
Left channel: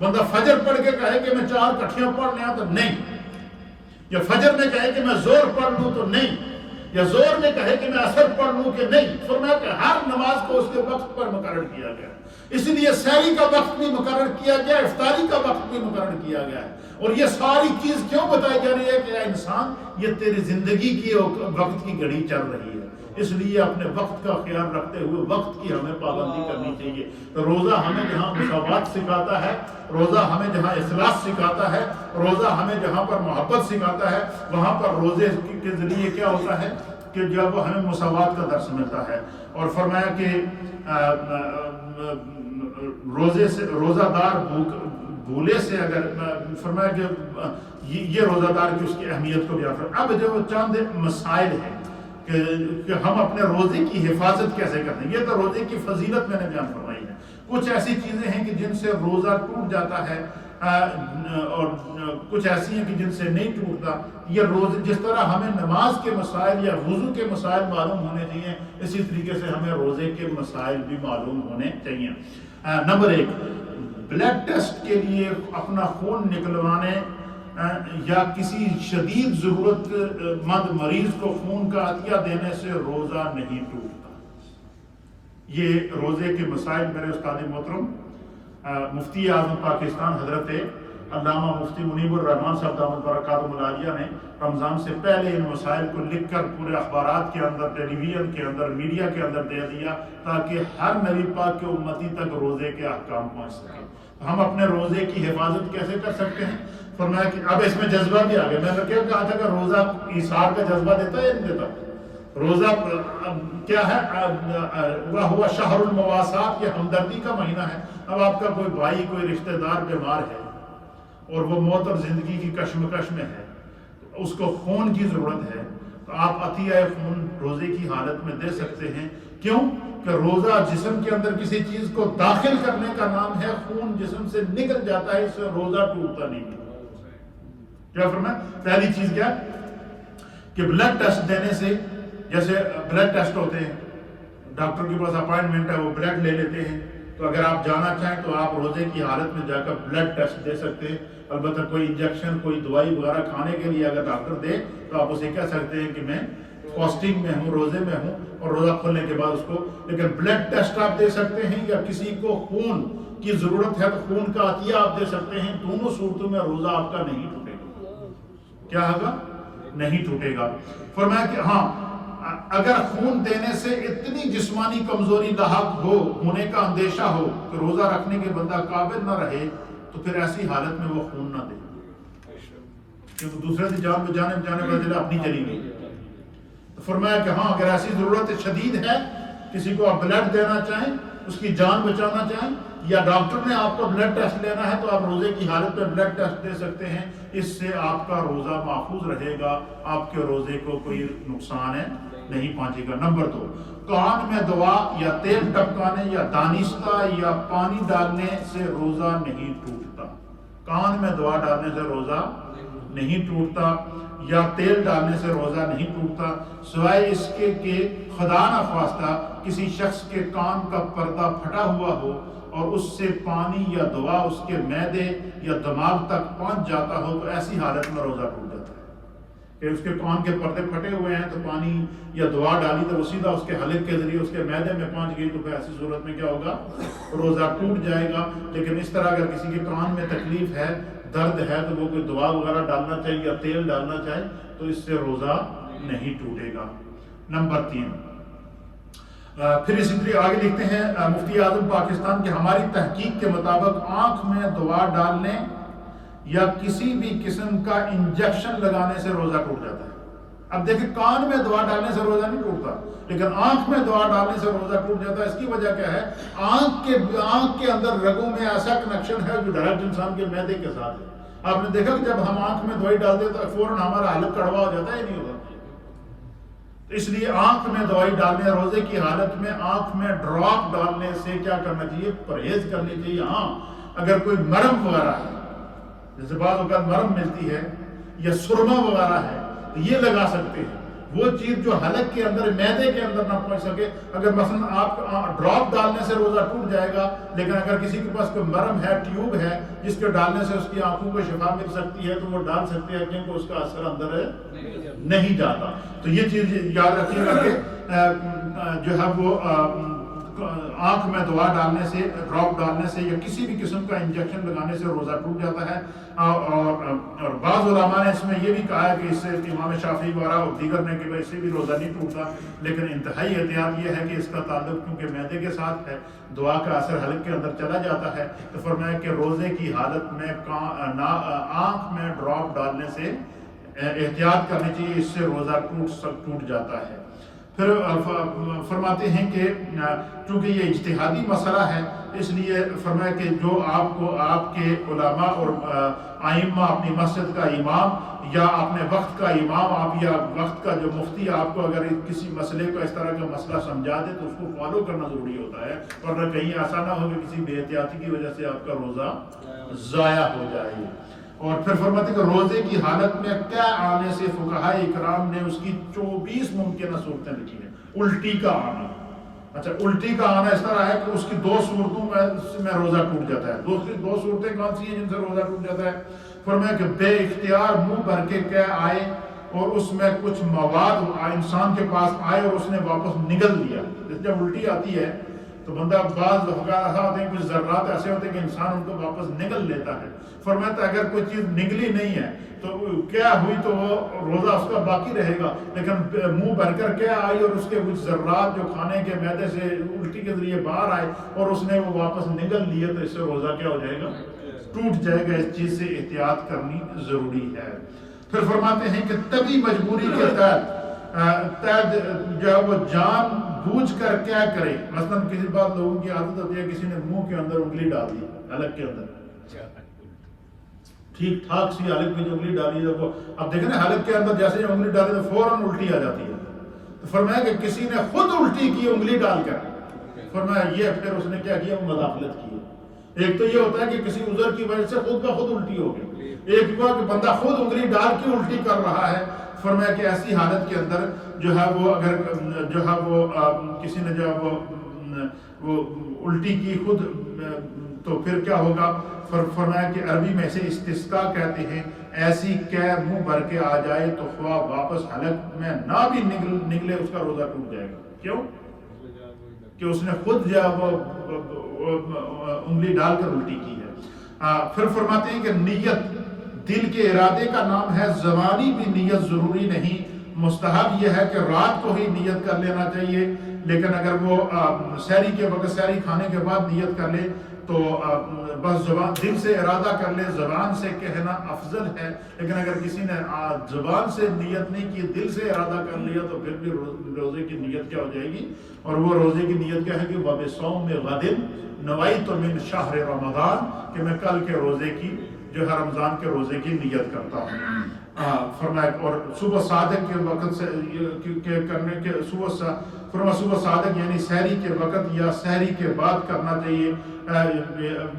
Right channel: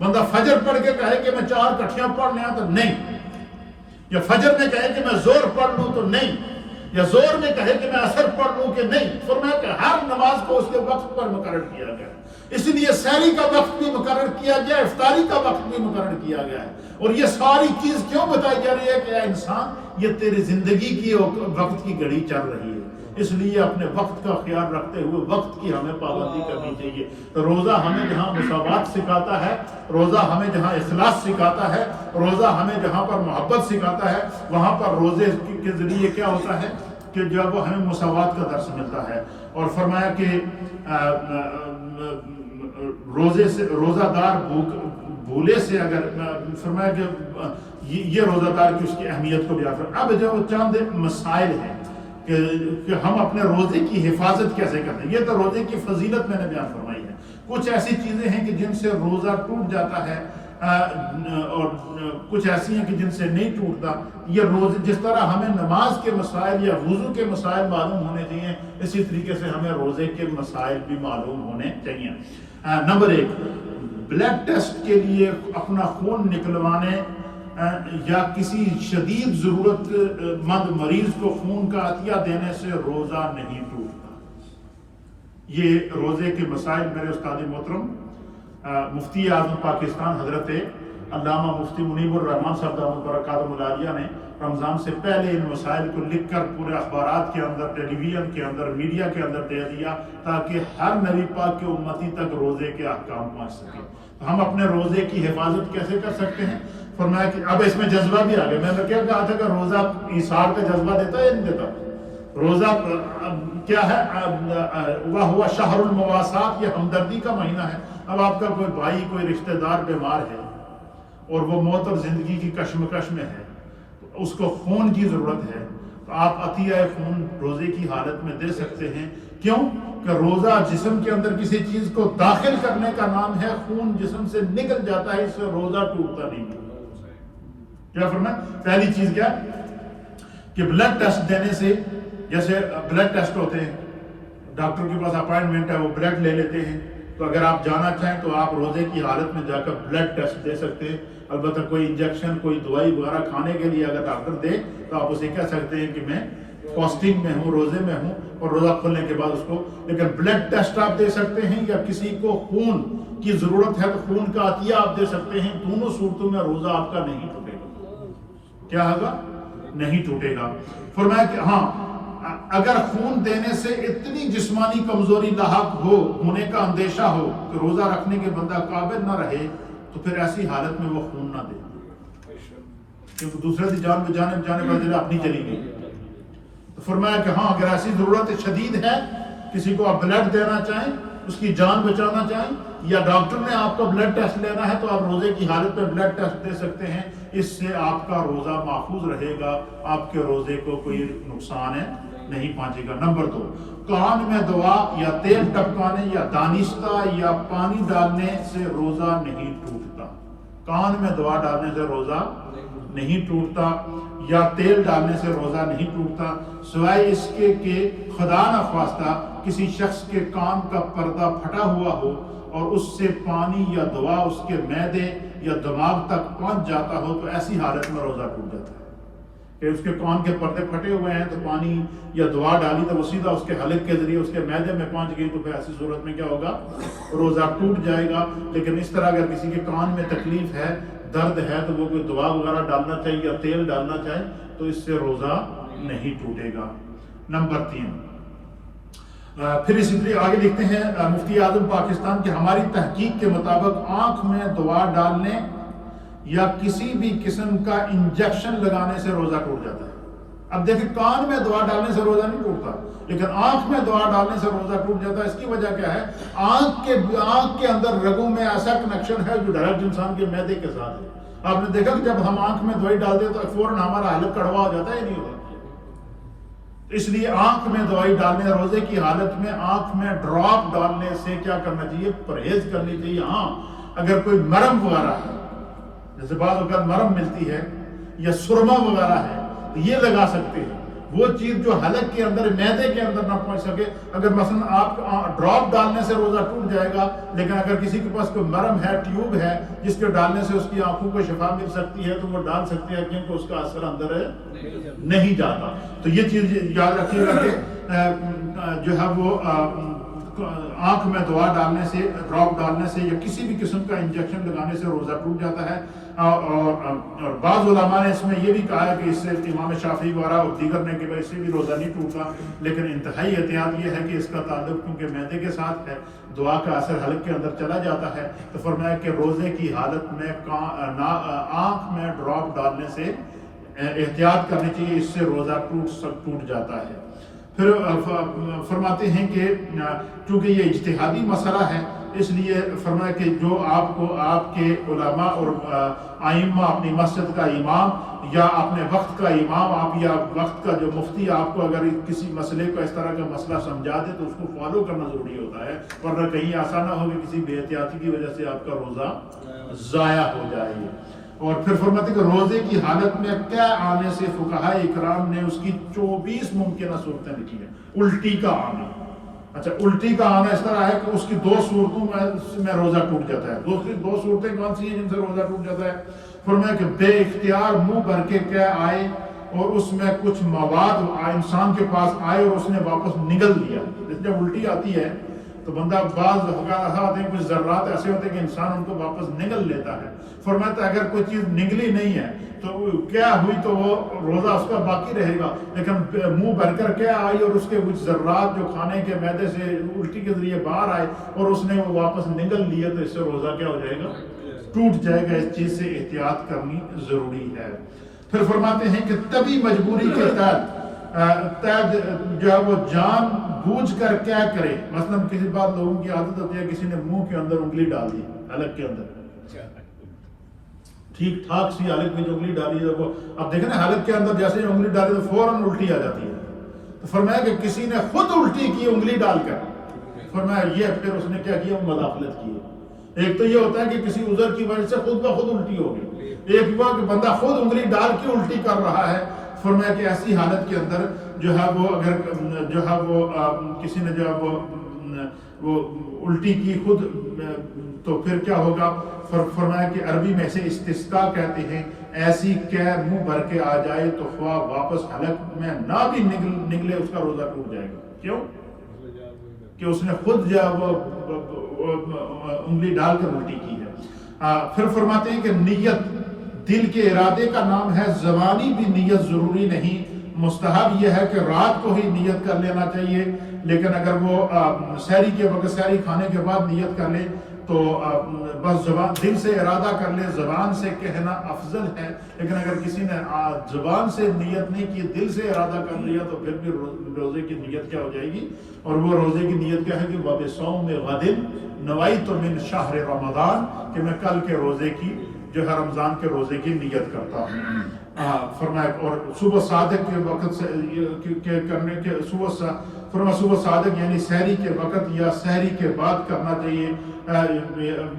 بندہ فجر پڑھ کے کہے کہ میں 4 کٹھیاں پڑھ لیا تو نہیں، یا فجر میں کہے کہ میں زور پڑھ لوں تو نہیں، یا زور میں کہے کہ میں عصر پڑھ لوں کہ نہیں۔ فرمایا کہ ہر نماز کو اس کے وقت پر مقرر کیا گیا، اس لیے سحری کا وقت بھی مقرر کیا گیا، افطاری کا وقت بھی مقرر کیا گیا ہے۔ اور یہ ساری چیز کیوں بتائی جا رہی ہے کہ اے انسان یہ تیری زندگی کی وقت کی گھڑی چل رہی ہے، اس لیے اپنے وقت کا خیال رکھتے ہوئے وقت کی ہمیں پابندی کرنی چاہیے۔ تو روزہ ہمیں جہاں مساوات سکھاتا ہے، روزہ ہمیں جہاں اخلاص سکھاتا ہے، روزہ ہمیں جہاں پر محبت سکھاتا ہے، وہاں پر روزے کے ذریعے کیا ہوتا ہے کہ جب وہ ہمیں مساوات کا درس ملتا ہے۔ اور فرمایا کہ روزہ دار بھولے سے اگر فرمایا کہ یہ روزہ دار کی اس کی اہمیت کو بیان فرمایا۔ اب جب وہ چند مسائل ہیں کہ ہم اپنے روزے کی حفاظت کیسے کرتے ہیں، یہ تو روزے کی فضیلت میں نے بیان فرمائی ہے۔ کچھ ایسی چیزیں ہیں کہ جن سے روزہ ٹوٹ جاتا ہے اور کچھ ایسی ہیں کہ جن سے نہیں ٹوٹتا. یہ روزے جس طرح ہمیں نماز کے مسائل یا وضو کے مسائل معلوم ہونے چاہیے، اسی طریقے سے ہمیں روزے کے مسائل بھی معلوم ہونے چاہیے. نمبر 1، بلڈ ٹیسٹ کے لیے اپنا خون نکلوانے یا کسی شدید ضرورت مند مریض کو خون کا عطیہ دینے سے روزہ نہیں ٹوٹتا. یہ روزے کے مسائل میرے استاد محترم مفتی اعظم پاکستان حضرت علامہ مفتی منیب الرحمان صاحب دامت برکاتہ العالیہ نے رمضان سے پہلے ان مسائل کو لکھ کر پورے اخبارات کے اندر، ٹیلی ویژن کے اندر، میڈیا کے اندر دے دیا تاکہ ہر نبی پاک کے امتی تک روزے کے احکام پہنچ سکے. ہم اپنے روزے کی حفاظت کیسے کر سکتے ہیں؟ فرمایا کہ اب اس میں جذبہ بھی آ گیا. میں نے کیا کہا تھا کہ روزہ ایثار کا جذبہ دیتا ہے یا نہیں دیتا؟ روزہ کیا ہے؟ وَهُوَ شَهْرُ الْمُوَاسَاةِ، یہ ہمدردی کا مہینہ ہے. اب آپ کا کوئی بھائی، کوئی رشتہ دار بیمار ہے اور وہ موت اور زندگی کی کشمکش میں ہے، تو اس کو خون کی ضرورت ہے، تو آپ عطیہ خون روزے کی حالت میں دے سکتے ہیں. کیوں کہ روزہ جسم کے اندر کسی چیز کو داخل کرنے کا نام ہے. خون جسم سے نکل جاتا ہے، اس سے روزہ ٹوٹتا نہیں. کیا فرمایا؟ پہلی چیز کیا کہ بلڈ ٹیسٹ دینے سے، جیسے بلڈ ٹیسٹ ہوتے ہیں، ڈاکٹر کے پاس اپائنٹمنٹ ہے، وہ بلڈ لے لیتے ہیں، تو اگر آپ جانا چاہیں تو آپ روزے کی حالت میں جا کر بلڈ ٹیسٹ دے سکتے ہیں. البتہ کوئی انجیکشن، کوئی دوائی وغیرہ کھانے کے لیے اگر ڈاکٹر دے تو آپ اسے کہہ سکتے ہیں کہ میں فاسٹنگ میں ہوں، روزے میں ہوں، اور روزہ کھلنے کے بعد اس کو. لیکن بلڈ ٹیسٹ آپ دے سکتے ہیں، یا کسی کو خون کی ضرورت ہے تو خون کا عطیہ آپ دے سکتے ہیں. دونوں صورتوں میں روزہ آپ کا نہیں ٹوٹے گا. کیا ہوگا؟ نہیں ٹوٹے گا. فرمایا کہ ہاں، اگر خون دینے سے اتنی جسمانی کمزوری لاحق ہونے کا اندیشہ ہو کہ روزہ رکھنے کے بندہ قابل نہ رہے، تو پھر ایسی حالت میں وہ خون نہ دے، کیونکہ دوسرے کی جان بچانے بدلے اپنی چلی گئی. تو فرمایا کہ ہاں، اگر ایسی ضرورت شدید ہے، کسی کو آپ بلڈ دینا چاہیں، اس کی جان بچانا چاہیں، یا ڈاکٹر نے آپ کو بلڈ ٹیسٹ لینا ہے، تو آپ روزے کی حالت میں بلڈ ٹیسٹ دے سکتے ہیں. اس سے آپ کا روزہ محفوظ رہے گا، آپ کے روزے کو کوئی نقصان نہیں پہنچے گا. نمبر 2، کان میں دوا یا تیل ٹپکانے یا دانستہ یا پانی ڈالنے سے روزہ نہیں ٹوٹتا. کان میں دوا ڈالنے سے روزہ نہیں ٹوٹتا، یا تیل ڈالنے سے روزہ نہیں ٹوٹتا، سوائے اس کے کہ خدا نخواستہ کسی شخص کے کان کا پردہ پھٹا ہوا ہو اور اس سے پانی یا دوا اس کے معدے یا دماغ تک پہنچ جاتا ہو، تو ایسی حالت میں روزہ ٹوٹ جاتا ہے. کہ اس کے کان کے پردے پھٹے ہوئے ہیں، تو پانی یا دوا ڈالی تو وہ سیدھا اس کے حلق کے ذریعے اس کے معدے میں پہنچ گئی، تو پھر ایسی صورت میں کیا ہوگا؟ روزہ ٹوٹ جائے گا. لیکن اس طرح اگر کسی کے کان میں تکلیف ہے، درد ہے، تو وہ کوئی دوا وغیرہ ڈالنا چاہیے یا تیل ڈالنا چاہے، تو اس سے روزہ نہیں ٹوٹے گا. نمبر 3، پھر اسی طرح آگے لکھتے ہیں مفتی اعظم پاکستان کہ ہماری تحقیق کے مطابق آنکھ میں دوا ڈالنے یا کسی بھی قسم کا انجیکشن لگانے سے روزہ ٹوٹ جاتا ہے. اب دیکھیں، کان میں دوا ڈالنے سے روزہ نہیں ٹوٹتا، لیکن آنکھ میں دوا ڈالنے سے روزہ ٹوٹ جاتا ہے. اس کی وجہ کیا ہے؟ آنکھ کے اندر رگوں میں ایسا کنیکشن ہے جو ڈائریکٹ انسان کے معدے کے ساتھ ہے. آپ نے دیکھا کہ جب ہم آنکھ میں دوائی ڈالتے ہیں تو فوراً ہمارا حلق کڑوا ہو جاتا ہے، نہیں ہوتا. اس لیے آنکھ میں دوائی ڈالنے، روزے کی حالت میں آنکھ میں ڈراپ ڈالنے سے کیا کرنا چاہیے؟ پرہیز کرنی چاہیے. ہاں، اگر کوئی مرم وغیرہ ہے، جیسے بعض اوقات مرم ملتی ہے یا سرما وغیرہ ہے، تو یہ لگا سکتے ہیں. وہ چیز جو حلق کے اندر، معدے کے اندر نہ پہنچ سکے. اگر مثلا آپ ڈراپ ڈالنے سے روزہ ٹوٹ جائے گا، لیکن اگر کسی کے پاس کوئی مرم ہے، ٹیوب ہے جس کے ڈالنے سے اس کی آنکھوں کو شفا مل سکتی ہے، تو وہ ڈال سکتے ہیں، کیونکہ اس کا اثر اندر نہیں جاتا. تو یہ چیز یاد رکھیے گا کہ جو ہے وہ آنکھ میں دوا ڈالنے سے، ڈراپ ڈالنے سے یا کسی بھی قسم کا انجیکشن لگانے سے روزہ ٹوٹ جاتا ہے. اور بعض علماء نے اس میں یہ بھی کہا ہے کہ اس سے امام شافعی وغیرہ اور دیگر نے کہ اس سے بھی روزہ نہیں ٹوٹتا. لیکن انتہائی احتیاط یہ ہے کہ اس کا تعلق کیونکہ معدے کے ساتھ ہے، دعا کا اثر حلق کے اندر چلا جاتا ہے. تو فرمایا کہ روزے کی حالت میں آنکھ میں ڈراپ ڈالنے سے احتیاط کرنی چاہیے، اس سے روزہ ٹوٹ جاتا ہے. پھر فرماتے ہیں کہ چونکہ یہ اجتہادی مسئلہ ہے، اس لیے فرمایا کہ جو آپ کو آپ کے علماء اور ائمہ، اپنی مسجد کا امام یا اپنے وقت کا امام، آپ یا وقت کا جو مفتی آپ کو اگر کسی مسئلے کو اس طرح کا مسئلہ سمجھا دے تو اس کو فالو کرنا ضروری ہوتا ہے، ورنہ کہیں ایسا نہ ہو کہ کسی بے احتیاطی کی وجہ سے آپ کا روزہ ضائع ہو جائے۔ اور پھر فرماتے کہ روزے کی حالت میں طے آنے سے فقہاء اکرام نے اس کی 24 ممکنہ صورتیں لکھی ہیں۔ الٹی کا آنا، اچھا الٹی کا آنا اس طرح ہے کہ اس کی 2 صورتوں میں روزہ ٹوٹ جاتا ہے۔ دوسری 2 صورتیں کون سی ہیں جن سے روزہ ٹوٹ جاتا ہے؟ فرمایا کہ بے اختیار منہ بھر کے قے آئے اور اس میں کچھ مواد انسان کے پاس آئے اور اس نے واپس نگل دیا۔ جب الٹی آتی ہے تو بندہ بعض ایسا ہوتے ہیں، کچھ ذرات ایسے ہوتے ہیں کہ انسان ان کو واپس نگل لیتا ہے۔ فرماتا اگر کوئی چیز نگلی نہیں ہے تو کیا ہوئی تو وہ روزہ اس کا باقی رہے گا، لیکن منہ بھر کر کیا آئی اور اس کے کچھ ذرات جو کھانے کے معدے سے الٹی کے ذریعے باہر آئے اور اس نے وہ واپس نگل لیا تو اس سے روزہ کیا ہو جائے گا؟ ٹوٹ جائے گا۔ اس چیز سے احتیاط کرنی ضروری ہے۔ پھر فرماتے ہیں کہ تبھی مجبوری کے تحت جو ہے وہ جان بوجھ کر کیا کرے، مثلا کسی بات لوگوں کی عادت ہوتی ہے، کسی نے منہ کے اندر انگلی ڈال دی، حلق کے اندر، ٹھیک ٹھاک سی حلق میں جو انگلی ڈالی ہے وہ اب دیکھیں نا، حلق کے اندر جیسے انگلی ڈالی تو فوراً الٹی آ جاتی ہے۔ تو فرمایا کہ کسی نے خود الٹی کی انگلی ڈال کر، فرمایا یہ پھر اس نے کیا کیا؟ مداخلت کی۔ ایک تو یہ ہوتا ہے کہ کسی عذر کی وجہ سے خود بخود الٹی ہو گئی، ایک ہوا کہ بندہ خود انگلی ڈال کے الٹی کر رہا ہے۔ فرمایا کہ ایسی حالت کے اندر جو ہے وہ اگر جو ہے وہ کسی نے جو ہے وہ الٹی کی خود تو پھر کیا ہوگا؟ فرمایا کہ عربی میں سے استسقاء کہتے ہیں، ایسی قے منہ بھر کے آ جائے تو خواہ واپس حلق میں نہ بھی نکلے اس کا روزہ ٹوٹ جائے گا۔ کیوں؟ کہ اس نے خود جو ہے وہ انگلی ڈال کر الٹی کی ہے۔ پھر فرماتے ہیں کہ نیت دل کے ارادے کا نام ہے، زمانی بھی نیت ضروری نہیں، مستحب یہ ہے کہ رات کو ہی نیت کر لینا چاہیے، لیکن اگر وہ سحری کے وقت، سحری کھانے کے بعد نیت کر لے تو بس زبان دل سے ارادہ کر لے، زبان سے کہنا افضل ہے۔ لیکن اگر کسی نے زبان سے نیت نہیں کی، دل سے ارادہ کر لیا تو پھر بھی روزے کی نیت کیا ہو جائے گی؟ اور وہ روزے کی نیت کیا ہے کہ وَبِصَوْمِ غَدٍ نَوَيْتُ مِنْ شَهْرِ رَمَضَانَ، کہ میں کل کے روزے کی جو ہے رمضان کے روزے کی نیت کرتا ہوں۔ فرمایا اور صبح صادق کے وقت سے کرنے کے صبح صادق یعنی سحری کے وقت یا سحری کے بعد کرنا چاہیے،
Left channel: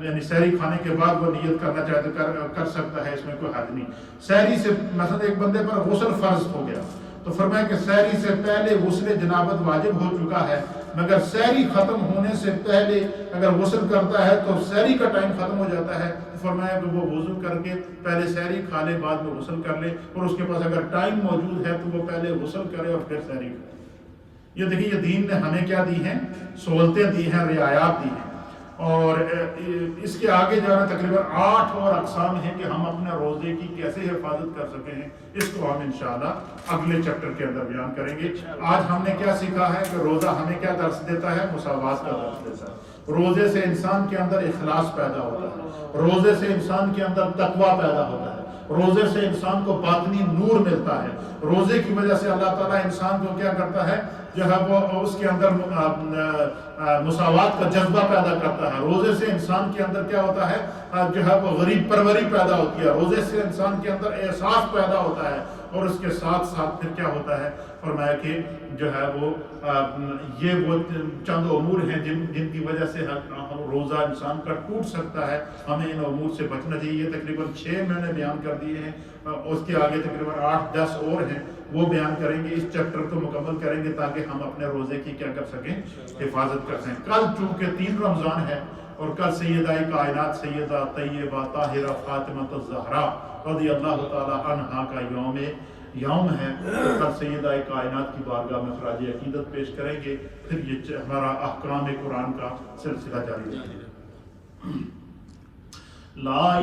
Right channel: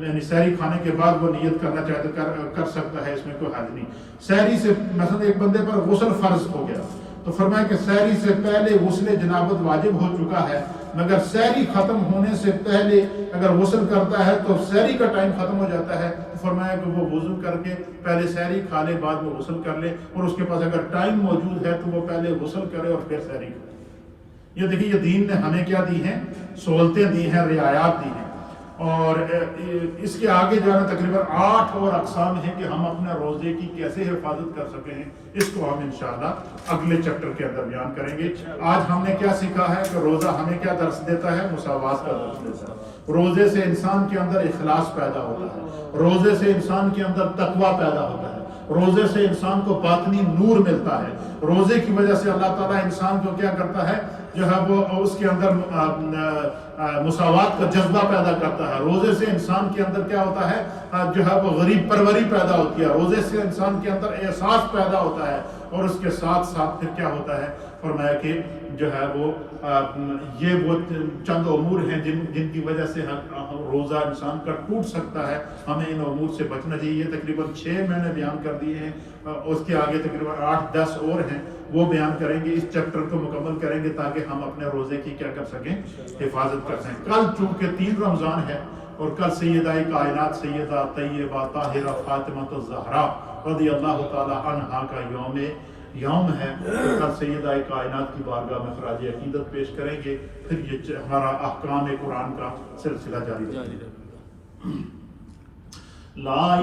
یعنی سحری کھانے کے بعد وہ نیت کرنا چاہے تو کر سکتا ہے، اس میں کوئی حد نہیں۔ سحری سے مثلا ایک بندے پر غسل فرض ہو گیا تو فرمایا کہ سحری سے پہلے غسل جنابت واجب ہو چکا ہے، مگر سحری ختم ہونے سے پہلے اگر غسل کرتا ہے تو سحری کا ٹائم ختم ہو جاتا ہے، تو فرمایا کہ وہ وضو کر کے پہلے سحری کھا لے، بعد میں غسل کر لے، اور اس کے پاس اگر ٹائم موجود ہے تو وہ پہلے غسل کرے اور پھر سحری کھائے۔ یہ دیکھیں یہ دین نے ہمیں کیا دی ہیں؟ سہولتیں دی ہیں، رعایات دی ہیں۔ اور اس کے آگے جو ہے تقریباً 8 اور اقسام ہیں کہ ہم اپنے روزے کی کیسے حفاظت کر سکیں ہیں، اس کو ہم انشاءاللہ اگلے چیپٹر کے اندر بیان کریں گے۔ آج ہم نے کیا سیکھا ہے کہ روزہ ہمیں کیا درس دیتا ہے؟ مساوات کا درس دیتا ہے۔ روزے سے انسان کے اندر اخلاص پیدا ہوتا ہے، روزے سے انسان کے اندر تقویٰ پیدا ہوتا ہے، روزے سے انسان کو باطنی نور ملتا ہے، روزے کی وجہ سے اللہ تعالیٰ انسان کو کیا کرتا ہے جو ہے وہ اس کے اندر مساوات کا جذبہ پیدا کرتا ہے، روزے سے انسان کے اندر کیا ہوتا ہے جو ہے وہ غریب پروری پیدا ہوتی ہے، روزے سے انسان کے اندر احساس پیدا ہوتا ہے، اور اس کے ساتھ ساتھ پھر کیا ہوتا ہے؟ فرمایا کہ جو ہے وہ یہ وہ چند امور ہیں جن کی وجہ سے روزہ انسان کا ٹوٹ سکتا ہے، ہمیں ان امور سے بچنا چاہیے۔ یہ تقریباً 6 میں نے بیان کر دیے ہیں، اس کے آگے تقریباً 8-10 اور ہیں، وہ بیان کریں گے، اس چیپٹر کو مکمل کریں گے تاکہ ہم اپنے روزے کی کیا کر سکیں؟ حفاظت کر سکیں۔ کل چونکہ 3 رمضان ہے اور کل سیدہ کائنات سیدہ طیبہ طاہرہ فاطمہ الزہرا رضی اللہ تعالی عنہا کا یوم ہے، کل سیدہ کائنات کی بارگاہ میں خراج عقیدت پیش کریں گے، پھر یہ ہمارا احکام قرآن کا سلسلہ جاری رہے گا۔